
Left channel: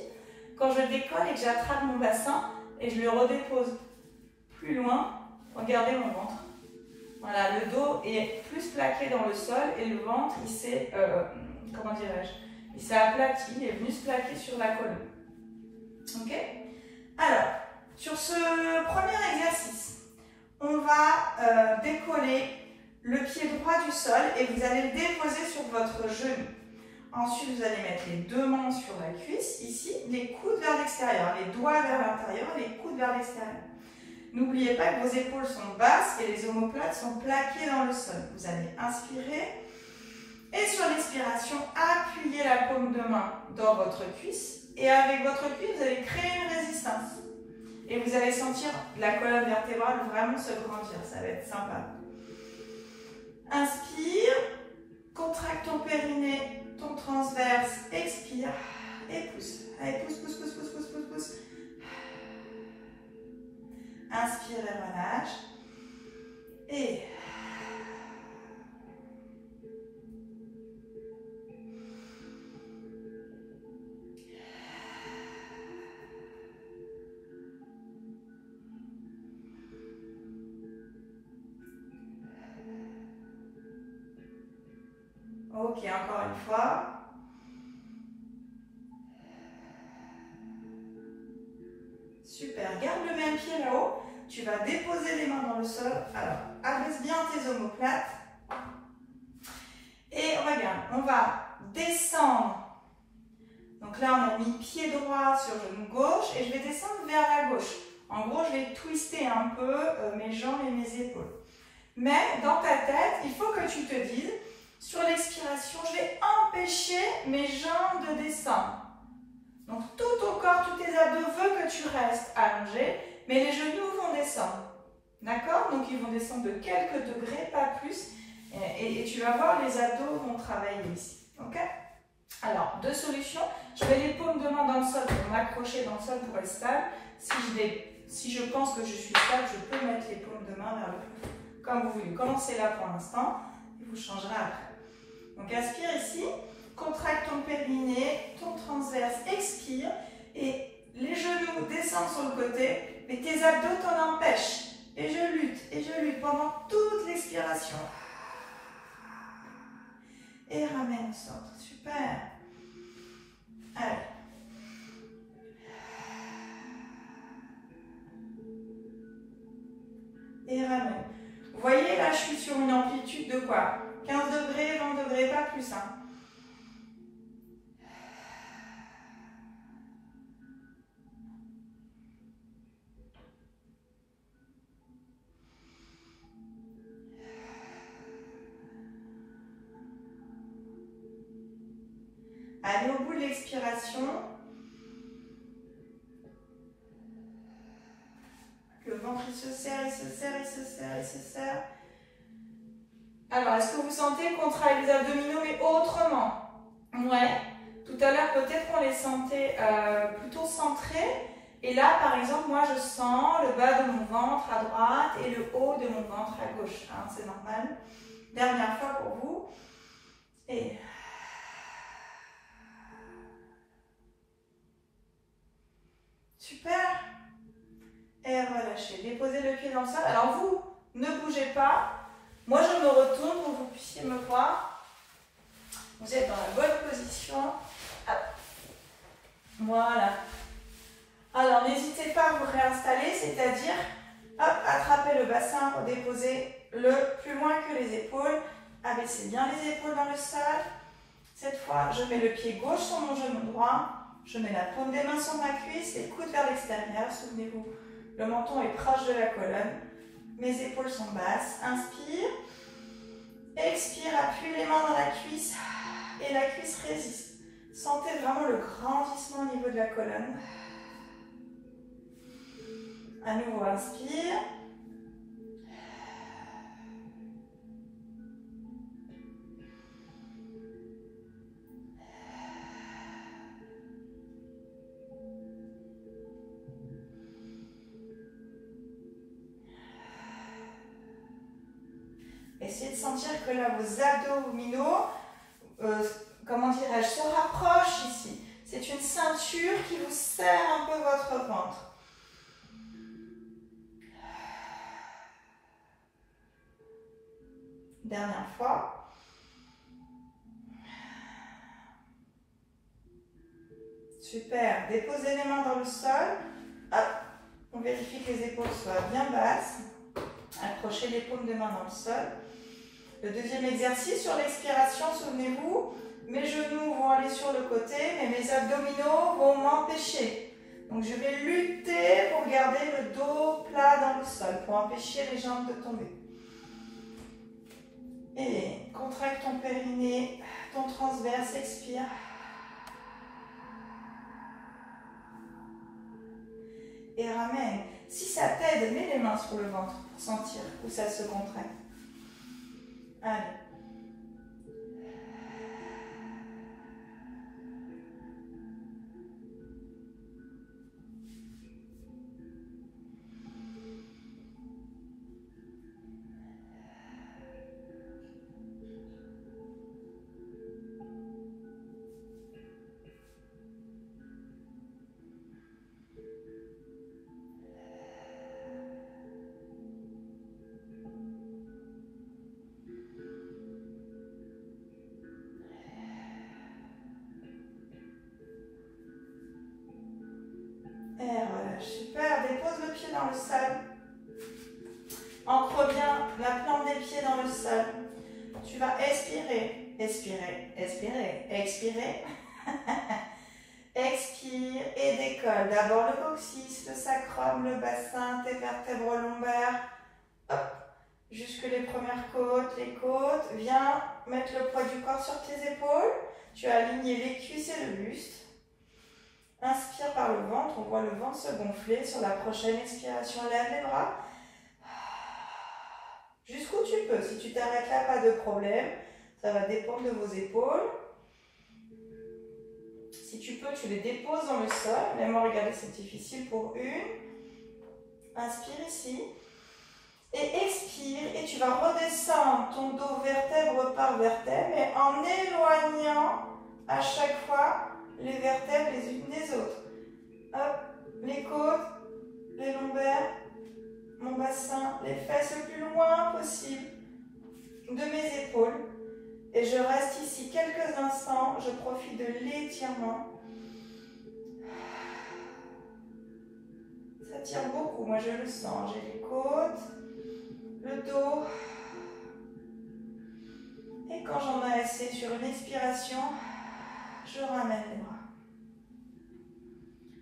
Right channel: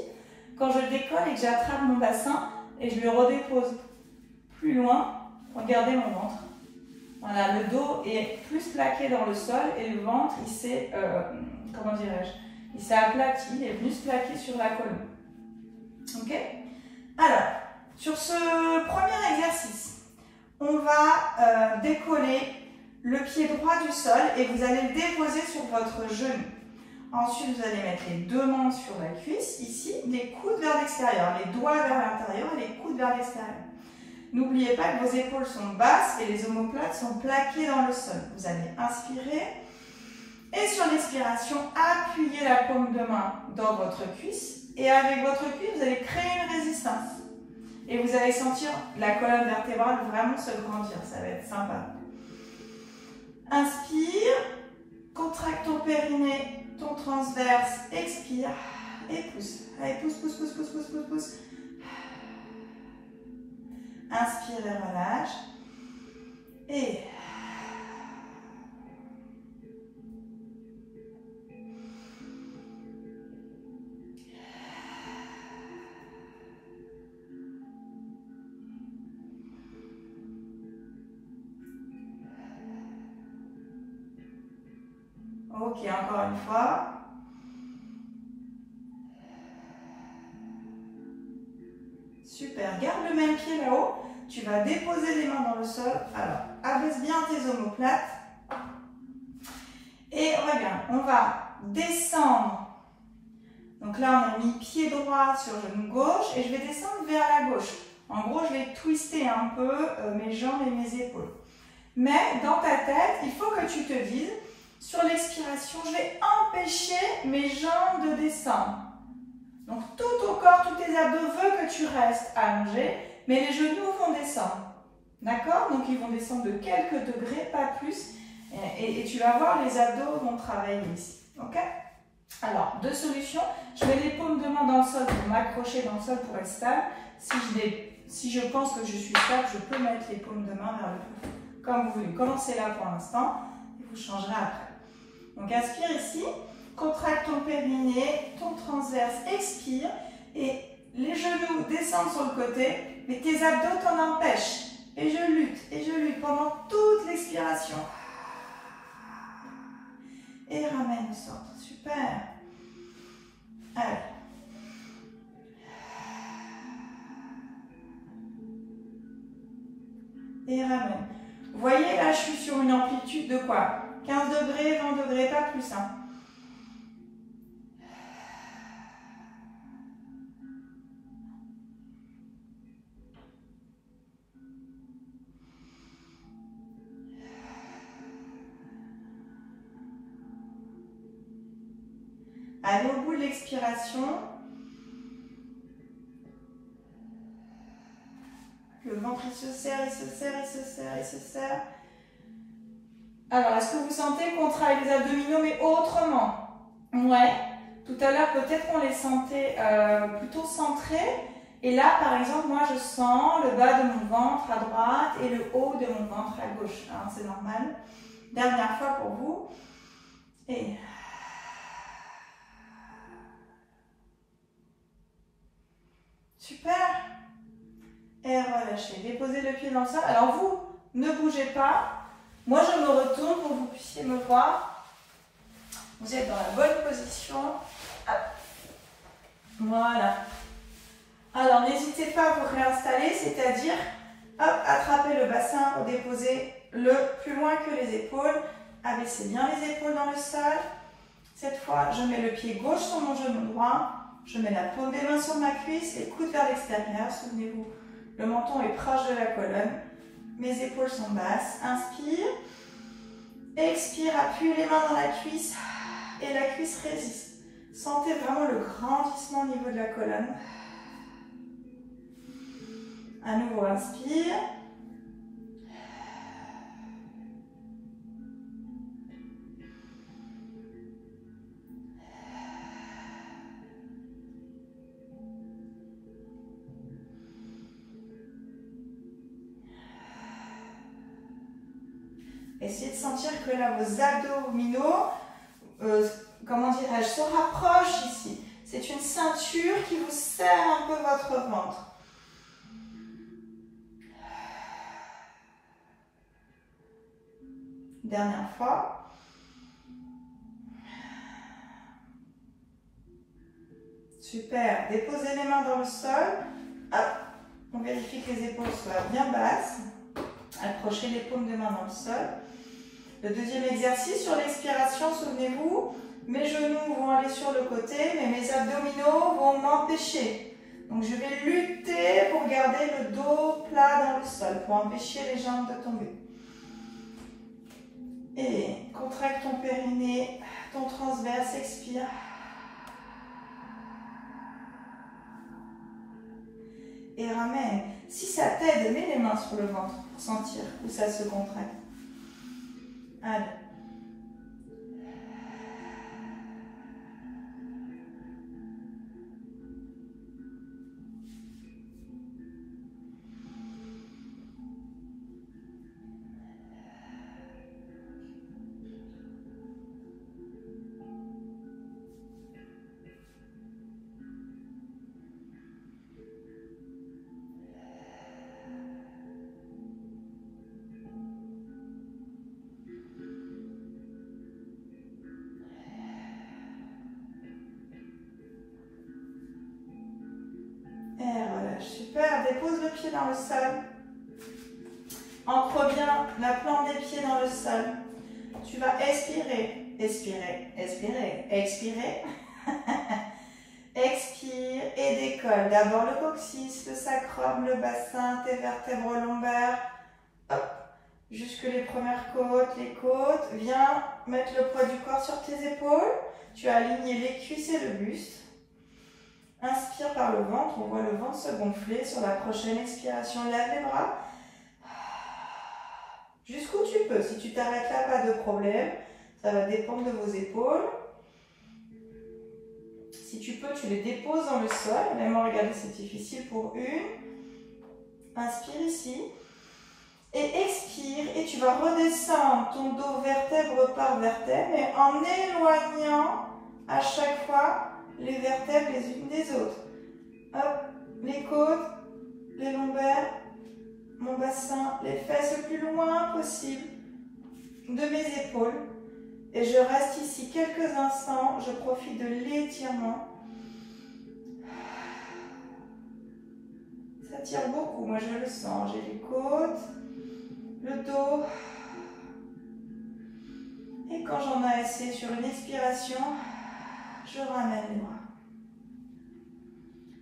Quand je décolle et que j'attrape mon bassin et je le redépose plus loin, regardez mon ventre. Voilà, le dos est plus plaqué dans le sol et le ventre il s'est, comment dirais-je, il s'est aplati, il est plus plaqué sur la colonne. Ok? Alors, sur ce premier exercice, on va décoller le pied droit du sol et vous allez le déposer sur votre genou. Ensuite, vous allez mettre les deux mains sur la cuisse, ici, les coudes vers l'extérieur, les doigts vers l'intérieur et les coudes vers l'extérieur. N'oubliez pas que vos épaules sont basses et les omoplates sont plaquées dans le sol. Vous allez inspirer et sur l'expiration, appuyez la paume de main dans votre cuisse et avec votre cuisse, vous allez créer une résistance. Et vous allez sentir la colonne vertébrale vraiment se grandir, ça va être sympa. Inspire, contracte ton périnée, ton transverse, expire et pousse. Allez, pousse, pousse, pousse, pousse, pousse, pousse, pousse. Inspire et relâche. Et ok, encore une fois. Super, garde le même pied là-haut. Tu vas déposer les mains dans le sol. Alors, abaisse bien tes omoplates. Et regarde, on va descendre. Donc là, on a mis pied droit sur genou gauche et je vais descendre vers la gauche. En gros, je vais twister un peu mes jambes et mes épaules. Mais dans ta tête, il faut que tu te dises, sur l'expiration, je vais empêcher mes jambes de descendre. Donc tout ton corps, tous tes abdos veulent que tu restes allongé, mais les genoux vont descendre. D'accord? Donc ils vont descendre de quelques degrés, pas plus. Et tu vas voir, les abdos vont travailler ici. Ok? Alors, deux solutions. Je mets les paumes de main dans le sol pour m'accrocher dans le sol pour être stable. Si je pense que je suis stable, je peux mettre les paumes de main vers le plafond. Comme vous voulez. Commencez là pour l'instant. Vous changerez après. Donc, inspire ici. Contracte ton périnée, ton transverse. Expire. Et les genoux descendent sur le côté. Mais tes abdos t'en empêchent. Et je lutte pendant toute l'expiration. Et ramène, sort. Super. Allez. Et ramène. Vous voyez, là, je suis sur une amplitude de quoi? 15 degrés, 20 degrés, pas plus. Hein. Allez au bout de l'expiration. Le ventre, il se serre, il se serre, il se serre, il se serre. Alors, est-ce que vous sentez qu'on travaille les abdominaux, mais autrement? Ouais. Tout à l'heure, peut-être qu'on les sentait plutôt centrés. Et là, par exemple, moi, je sens le bas de mon ventre à droite et le haut de mon ventre à gauche. Hein, c'est normal. Dernière fois pour vous. Et... super. Et relâchez. Déposez le pied dans le sol. Alors vous, ne bougez pas. Moi, je me retourne pour que vous puissiez me voir. Vous êtes dans la bonne position. Hop. Voilà. Alors, n'hésitez pas à vous réinstaller, c'est-à-dire, hop, attraper le bassin pour déposer le plus loin que les épaules. Abaissez bien les épaules dans le sol. Cette fois, je mets le pied gauche sur mon genou droit. Je mets la paume des mains sur ma cuisse et le coude vers l'extérieur. Souvenez-vous, le menton est proche de la colonne. Mes épaules sont basses. Inspire. Expire, appuie les mains dans la cuisse. Et la cuisse résiste. Sentez vraiment le grandissement au niveau de la colonne. À nouveau, inspire. Essayez de sentir que là, vos abdominaux, comment dirais-je, se rapprochent ici. C'est une ceinture qui vous serre un peu votre ventre. Dernière fois. Super. Déposez les mains dans le sol. Hop. On vérifie que les épaules soient bien basses. Accrochez les paumes de main dans le sol. Le deuxième exercice, sur l'expiration, souvenez-vous, mes genoux vont aller sur le côté, mais mes abdominaux vont m'empêcher. Donc je vais lutter pour garder le dos plat dans le sol, pour empêcher les jambes de tomber. Et contracte ton périnée, ton transverse, expire. Et ramène. Si ça t'aide, mets les mains sur le ventre pour sentir où ça se contracte. Allez. dépose le pied dans le sol. Ancre bien la plante des pieds dans le sol. Tu vas expirer, expirer, expirer, expirer. Expire et décolle. D'abord le coccyx, le sacrum, le bassin, tes vertèbres lombaires. Hop. Jusque les premières côtes, les côtes. Viens mettre le poids du corps sur tes épaules. Tu as aligné les cuisses et le buste. Inspire par le ventre. On voit le ventre se gonfler. Sur la prochaine expiration, lève les bras. Jusqu'où tu peux. Si tu t'arrêtes là, pas de problème. Ça va dépendre de vos épaules. Si tu peux, tu les déposes dans le sol. Même regardez, c'est difficile pour une. Inspire ici. Et expire. Et tu vas redescendre ton dos vertèbre par vertèbre. Et en éloignant à chaque fois les vertèbres les unes des autres. Hop, les côtes, les lombaires, mon bassin, les fesses le plus loin possible de mes épaules. Et je reste ici quelques instants, je profite de l'étirement. Ça tire beaucoup, moi je le sens. J'ai les côtes, le dos. Et quand j'en ai assez sur une expiration, je ramène les bras.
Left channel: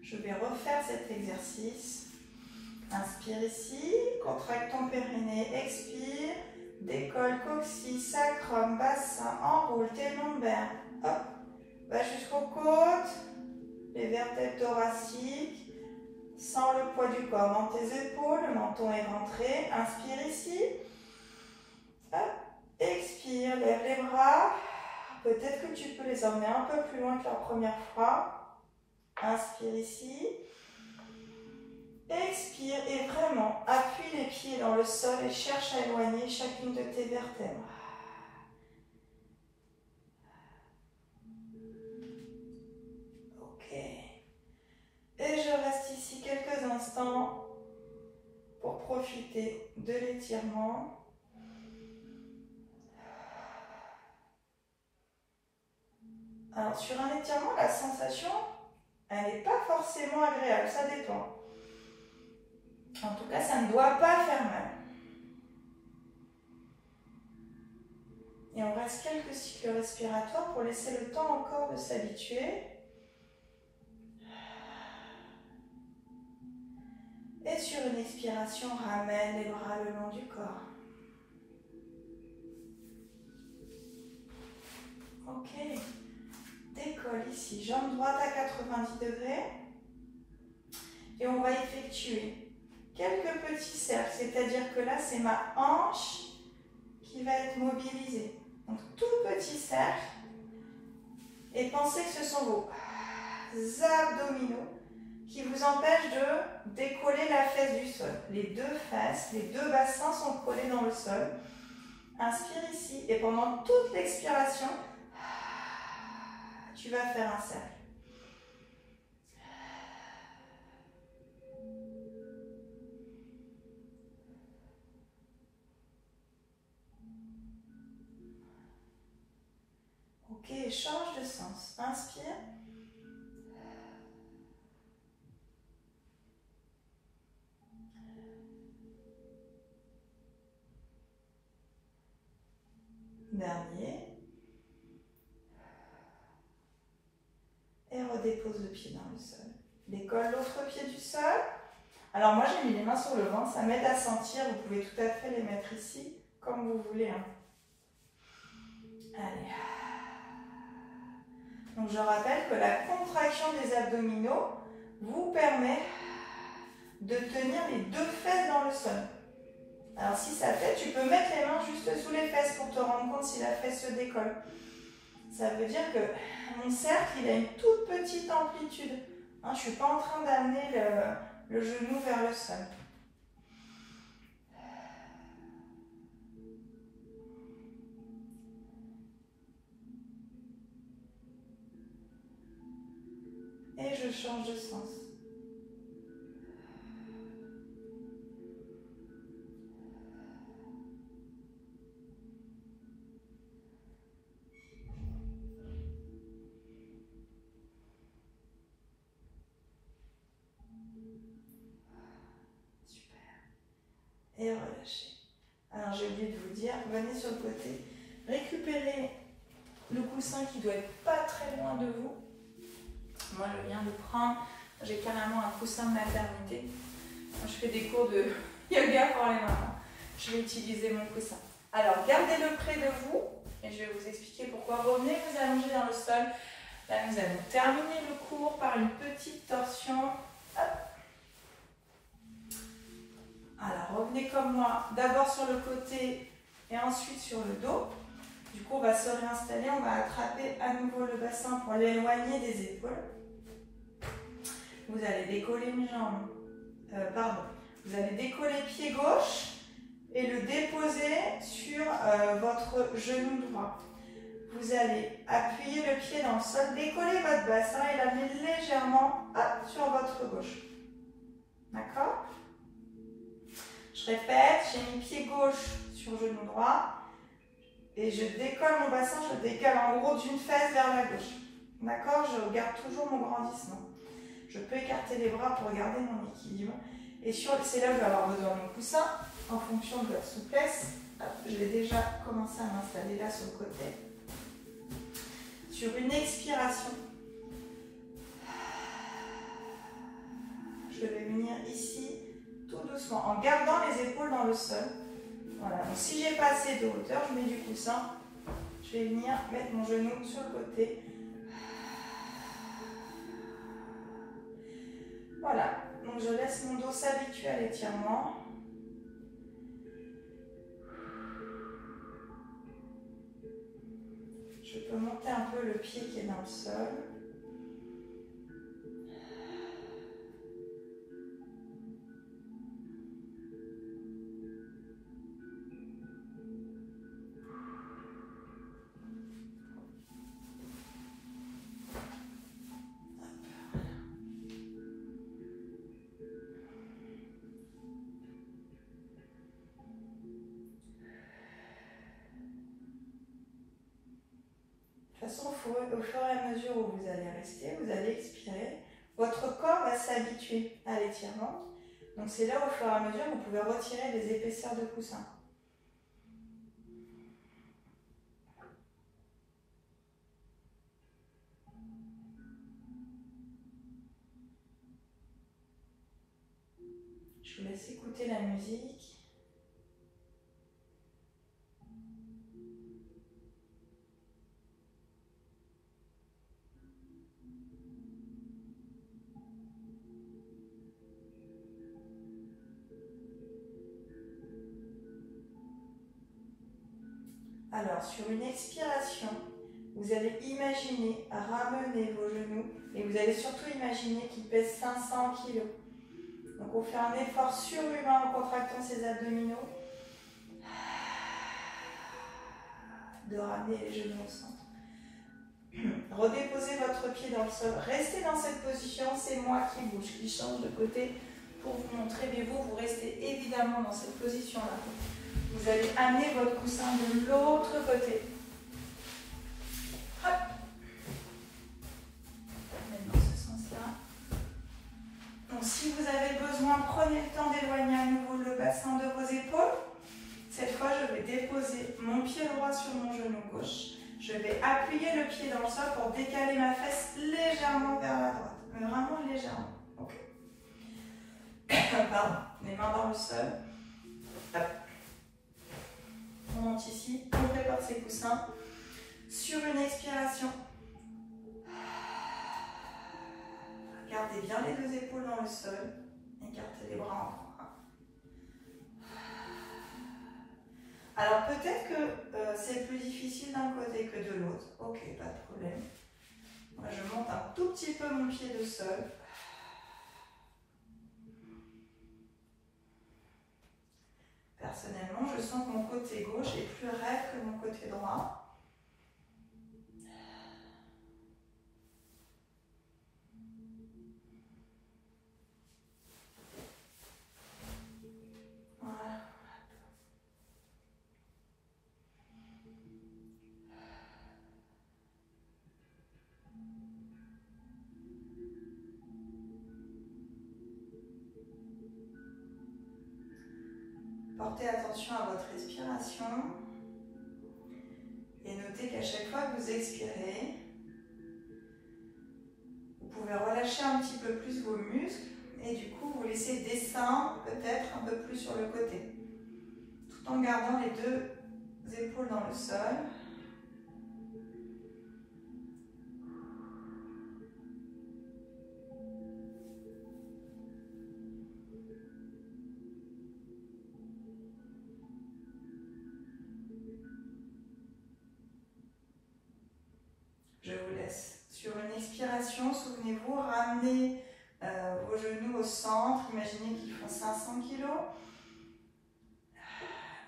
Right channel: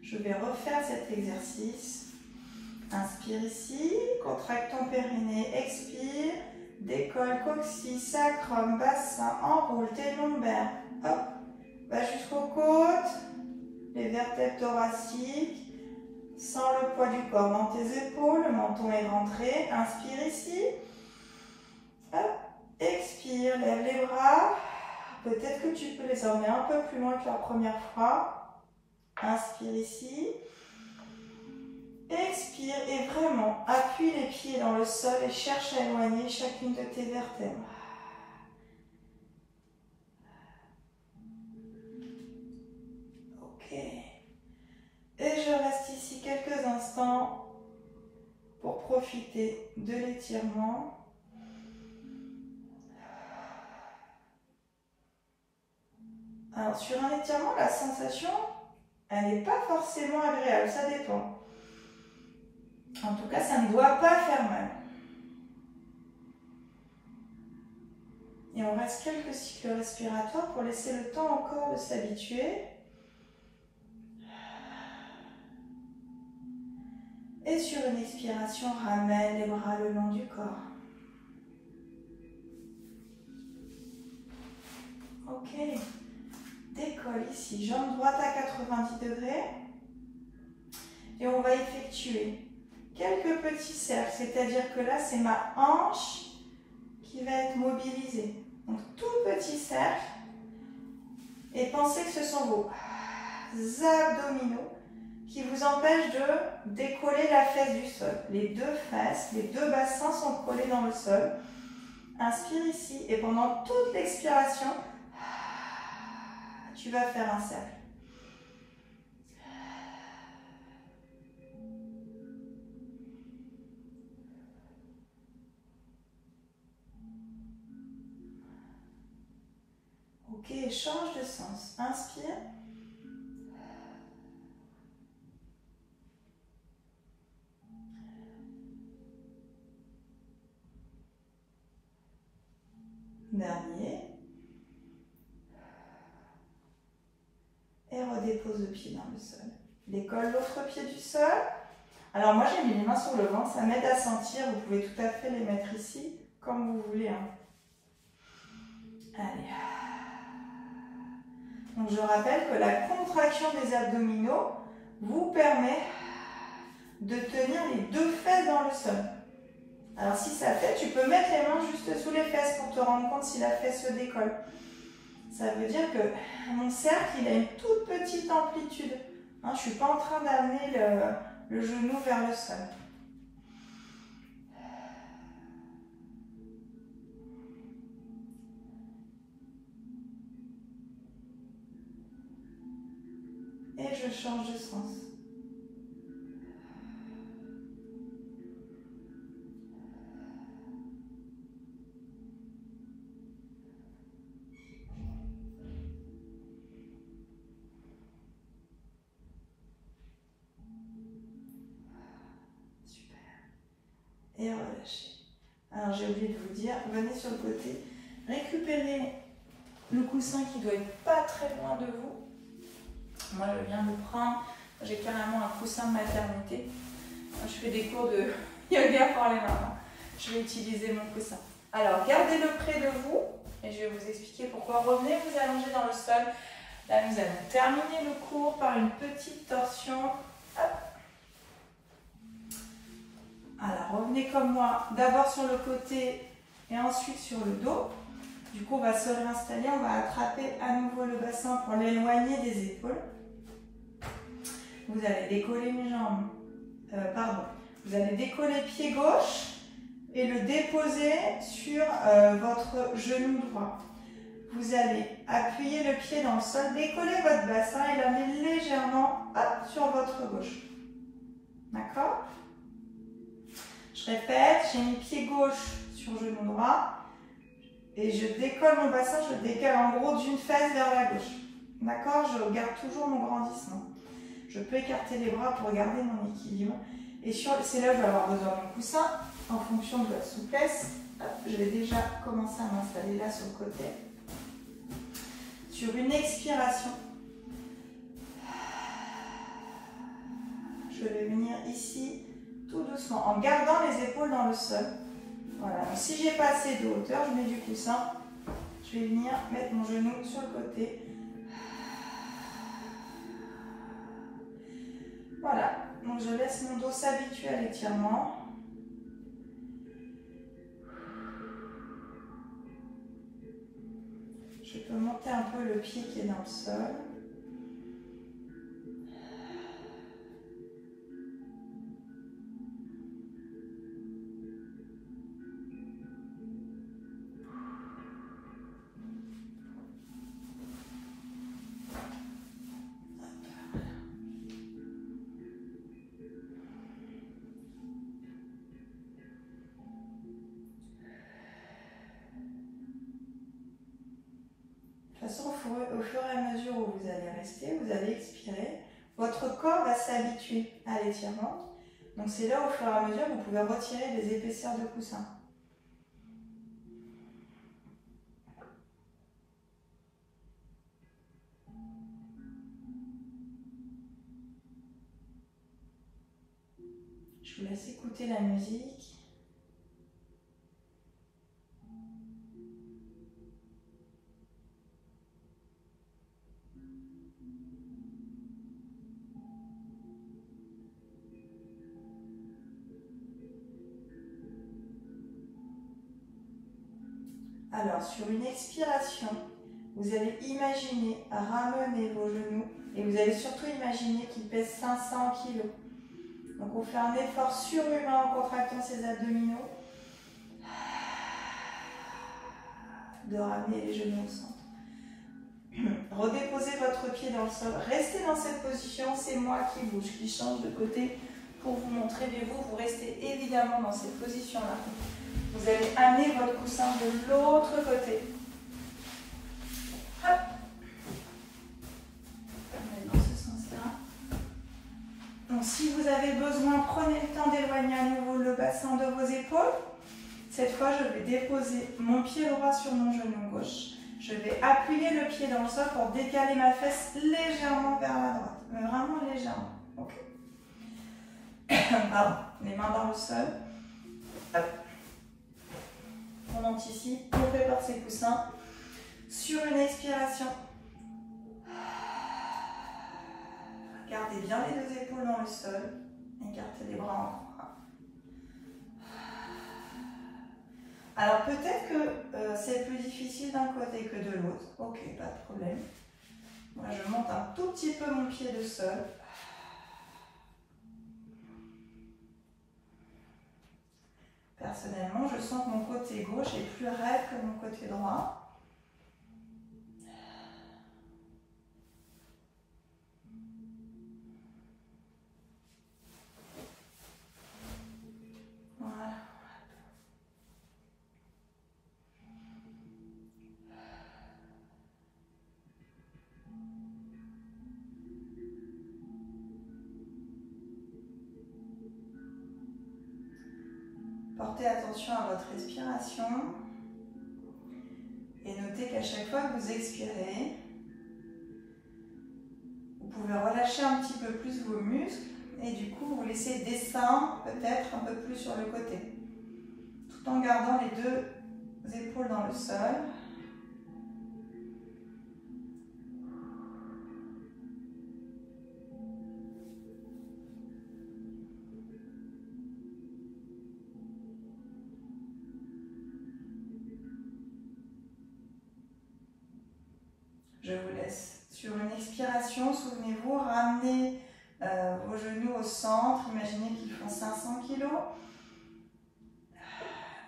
Je vais refaire cet exercice. Inspire ici, contracte ton périnée, expire. Décolle, coccyx, sacrum, bassin, enroule tes lombaires. Hop, va jusqu'aux côtes, les vertèbres thoraciques. Sens le poids du corps dans tes épaules, le menton est rentré. Inspire ici. Hop, expire, lève les bras. Peut-être que tu peux les emmener un peu plus loin que la première fois. Inspire ici. Expire et vraiment appuie les pieds dans le sol et cherche à éloigner chacune de tes vertèbres. Ok. Et je reste ici quelques instants pour profiter de l'étirement. Alors sur un étirement, la sensation, elle n'est pas forcément agréable, ça dépend. En tout cas, ça ne doit pas faire mal. Et on reste quelques cycles respiratoires pour laisser le temps encore de s'habituer. Et sur une expiration, ramène les bras le long du corps. Ok. Décolle ici, jambe droite à 90 degrés. Et on va effectuer quelques petits cercles, c'est-à-dire que là, c'est ma hanche qui va être mobilisée. Donc, tout petit cercle. Et pensez que ce sont vos abdominaux qui vous empêchent de décoller la fesse du sol. Les deux fesses, les deux bassins sont collés dans le sol. Inspire ici et pendant toute l'expiration, tu vas faire un cercle. Ok, change de sens. Inspire. Dernier. Et redépose le pied dans le sol. Décolle l'autre pied du sol. Alors moi j'ai mis les mains sur le ventre, ça m'aide à sentir. Vous pouvez tout à fait les mettre ici, comme vous voulez. Hein. Allez. Donc je rappelle que la contraction des abdominaux vous permet de tenir les deux fesses dans le sol. Alors si ça fait, tu peux mettre les mains juste sous les fesses pour te rendre compte si la fesse se décolle. Ça veut dire que mon cercle, il a une toute petite amplitude. Hein, je ne suis pas en train d'amener le genou vers le sol. Et je change de sens. et relâchez. Alors j'ai oublié de vous dire, venez sur le côté, récupérez le coussin qui doit être pas très loin de vous. Moi je viens de le prendre, j'ai carrément un coussin de maternité. Je fais des cours de yoga pour les mamans. Je vais utiliser mon coussin. Alors gardez-le près de vous et je vais vous expliquer pourquoi. Revenez vous allonger dans le sol. Là nous allons terminer le cours par une petite torsion. Hop. Alors revenez comme moi, d'abord sur le côté et ensuite sur le dos. Du coup on va se réinstaller, on va attraper à nouveau le bassin pour l'éloigner des épaules. Vous allez décoller une jambe, vous allez décoller pied gauche et le déposer sur votre genou droit. Vous allez appuyer le pied dans le sol, décoller votre bassin et l'amener légèrement hop, sur votre gauche. D'accord? Je répète, j'ai mis pied gauche sur genou droit et je décolle mon bassin, je décale en gros d'une fesse vers la gauche. D'accord? Je garde toujours mon grandissement. Je peux écarter les bras pour garder mon équilibre. Et c'est là où je vais avoir besoin de mon coussin en fonction de la souplesse. Hop, je vais déjà commencer à m'installer là sur le côté. Sur une expiration, je vais venir ici tout doucement en gardant les épaules dans le sol. Voilà. Donc, si j'ai pas assez de hauteur, je mets du coussin. Je vais venir mettre mon genou sur le côté. Voilà, donc je laisse mon dos s'habituer à l'étirement. Je peux monter un peu le pied qui est dans le sol. De toute façon, au fur et à mesure où vous allez rester, vous allez expirer, votre corps va s'habituer à l'étirement. Donc c'est là, au fur et à mesure, vous pouvez retirer les épaisseurs de coussin. Je vous laisse écouter la musique. Alors, sur une expiration, vous allez imaginer ramener vos genoux et vous allez surtout imaginer qu'ils pèsent 500 kg. Donc, on fait un effort surhumain en contractant ses abdominaux de ramener les genoux au centre. Redéposez votre pied dans le sol. Restez dans cette position, c'est moi qui bouge, qui change de côté pour vous montrer, mais vous restez évidemment dans cette position-là. Vous allez amener votre coussin de l'autre côté. Hop. Dans ce sens-là. Donc, si vous avez besoin, prenez le temps d'éloigner à nouveau le bassin de vos épaules. Cette fois, je vais déposer mon pied droit sur mon genou gauche. Je vais appuyer le pied dans le sol pour décaler ma fesse légèrement vers la droite. Mais vraiment légèrement. Okay. Pardon. Les mains dans le sol. Hop. On monte ici, on prépare ses coussins. Sur une expiration, gardez bien les deux épaules dans le sol. Écartez les bras en croix. Alors peut-être que c'est plus difficile d'un côté que de l'autre. Ok, pas de problème. Moi je monte un tout petit peu mon pied de sol. Personnellement, je sens que mon côté gauche est plus raide que mon côté droit. Voilà. Portez attention à votre respiration et notez qu'à chaque fois que vous expirez, vous pouvez relâcher un petit peu plus vos muscles et du coup vous laissez descendre peut-être un peu plus sur le côté, tout en gardant les deux épaules dans le sol. Je vous laisse. Sur une expiration, souvenez-vous, ramenez vos genoux au centre. Imaginez qu'ils font 500 kg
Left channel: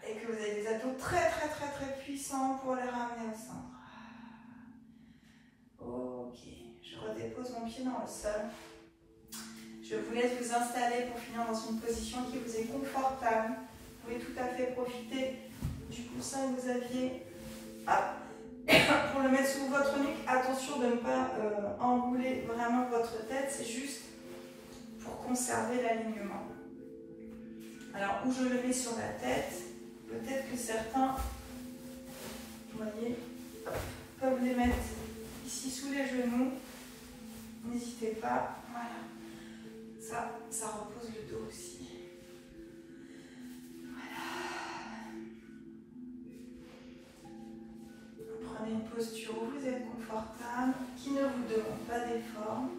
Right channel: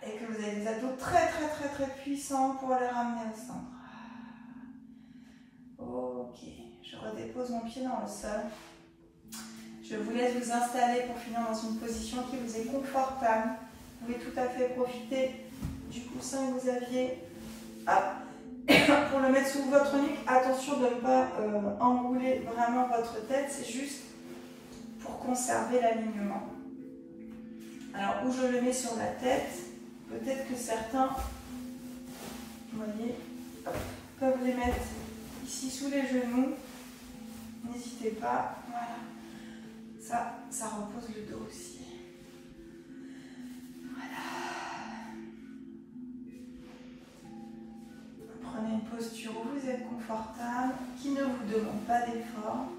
et que vous avez des abdos très puissants pour les ramener au centre. Ok, je redépose mon pied dans le sol. Je vous laisse vous installer pour finir dans une position qui vous est confortable. Vous pouvez tout à fait profiter du coussin que vous aviez. Pour le mettre sous votre nuque, attention de ne pas engouler vraiment votre tête, c'est juste pour conserver l'alignement. Alors, où je le mets sur la tête, peut-être que certains, vous voyez, peuvent les mettre ici sous les genoux. N'hésitez pas, voilà. Ça repose le dos aussi. Prenez une posture où vous êtes confortable, qui ne vous demande pas d'effort.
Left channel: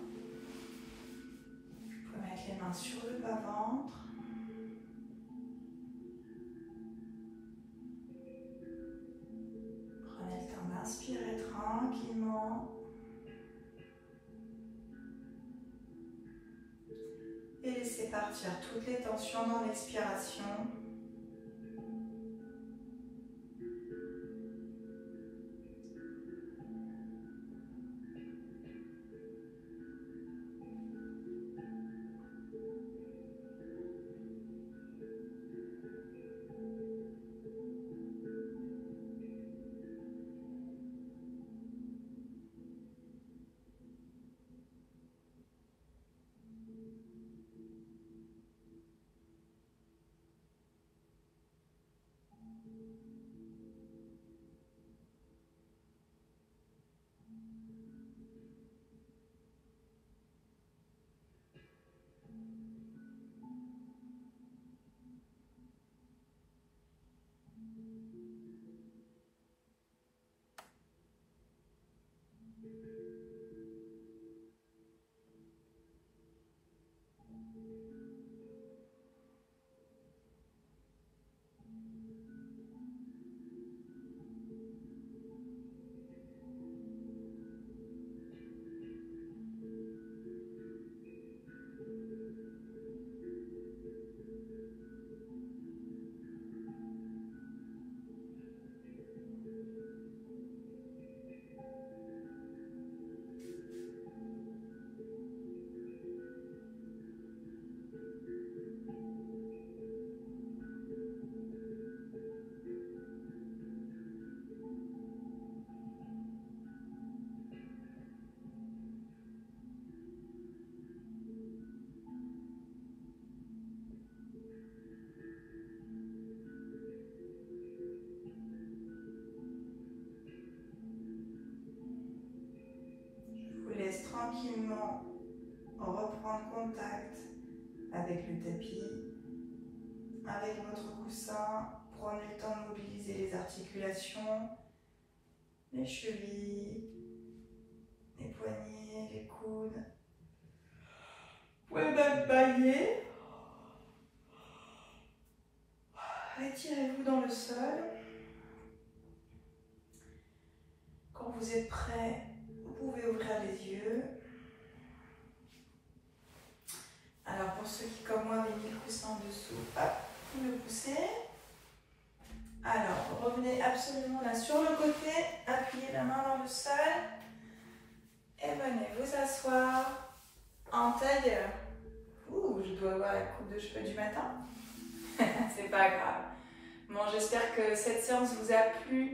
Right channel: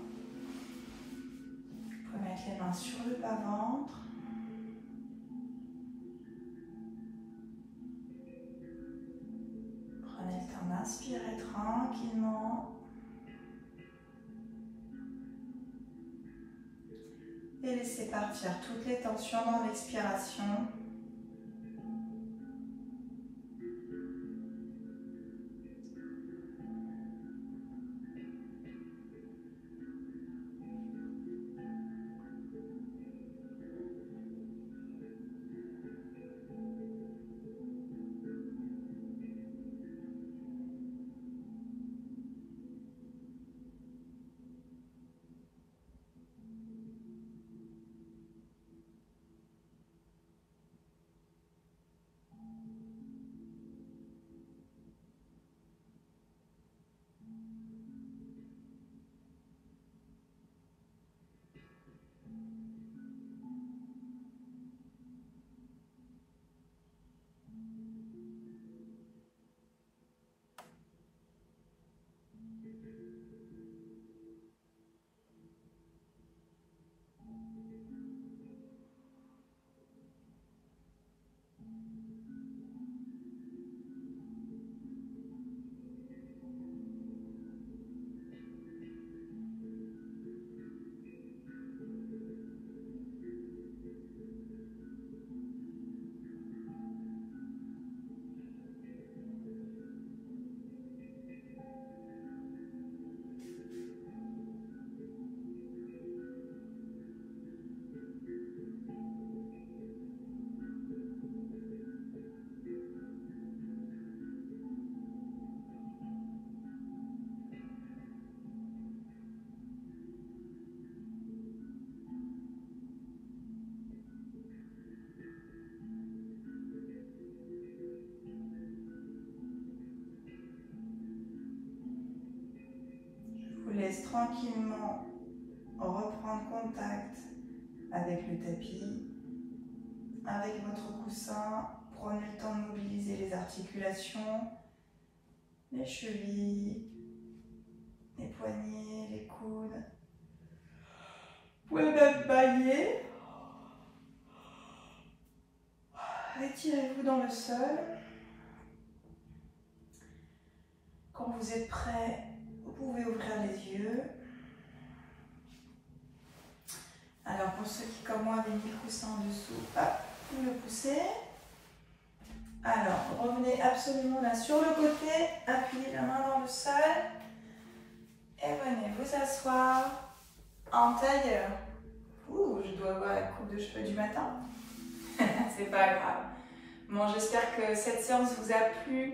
Vous pouvez mettre les mains sur le bas-ventre. Prenez le temps d'inspirer tranquillement. Et laissez partir toutes les tensions dans l'expiration. Tranquillement reprendre contact avec le tapis, avec votre coussin. Prenez le temps de mobiliser les articulations, les chevilles, les poignets, les coudes. Vous pouvez même bailler. Étirez-vous dans le sol. Quand vous êtes prêt, vous pouvez ouvrir les yeux. Alors pour ceux qui comme moi avaient mis le coussin en dessous, hop, vous le poussez. Alors revenez absolument là sur le côté, appuyez la main dans le sol et venez vous asseoir en tailleur. Ouh, je dois avoir la coupe de cheveux du matin. C'est pas grave. Bon, j'espère que cette séance vous a plu,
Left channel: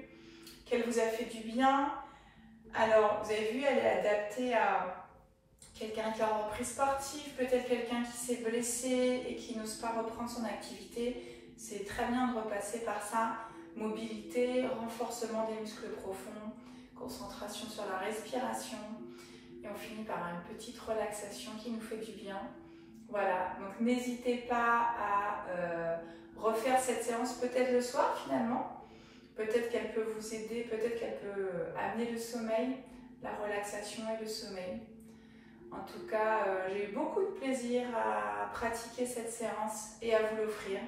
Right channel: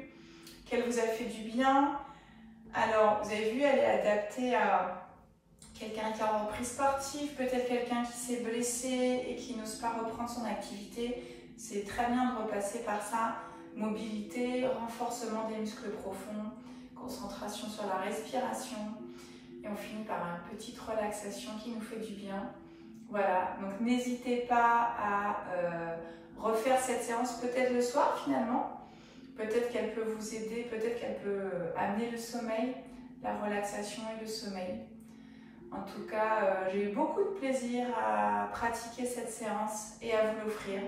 qu'elle vous a fait du bien. Alors, vous avez vu, elle est adaptée à quelqu'un qui a repris sportive, peut-être quelqu'un qui s'est blessé et qui n'ose pas reprendre son activité. c'est très bien de repasser par ça. Mobilité, renforcement des muscles profonds, concentration sur la respiration. Et on finit par une petite relaxation qui nous fait du bien. Voilà, donc n'hésitez pas à refaire cette séance peut-être le soir finalement. Peut-être qu'elle peut vous aider, peut-être qu'elle peut amener le sommeil, la relaxation et le sommeil. En tout cas, j'ai eu beaucoup de plaisir à pratiquer cette séance et à vous l'offrir.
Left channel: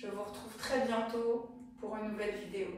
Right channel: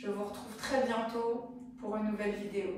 Je vous retrouve très bientôt pour une nouvelle vidéo.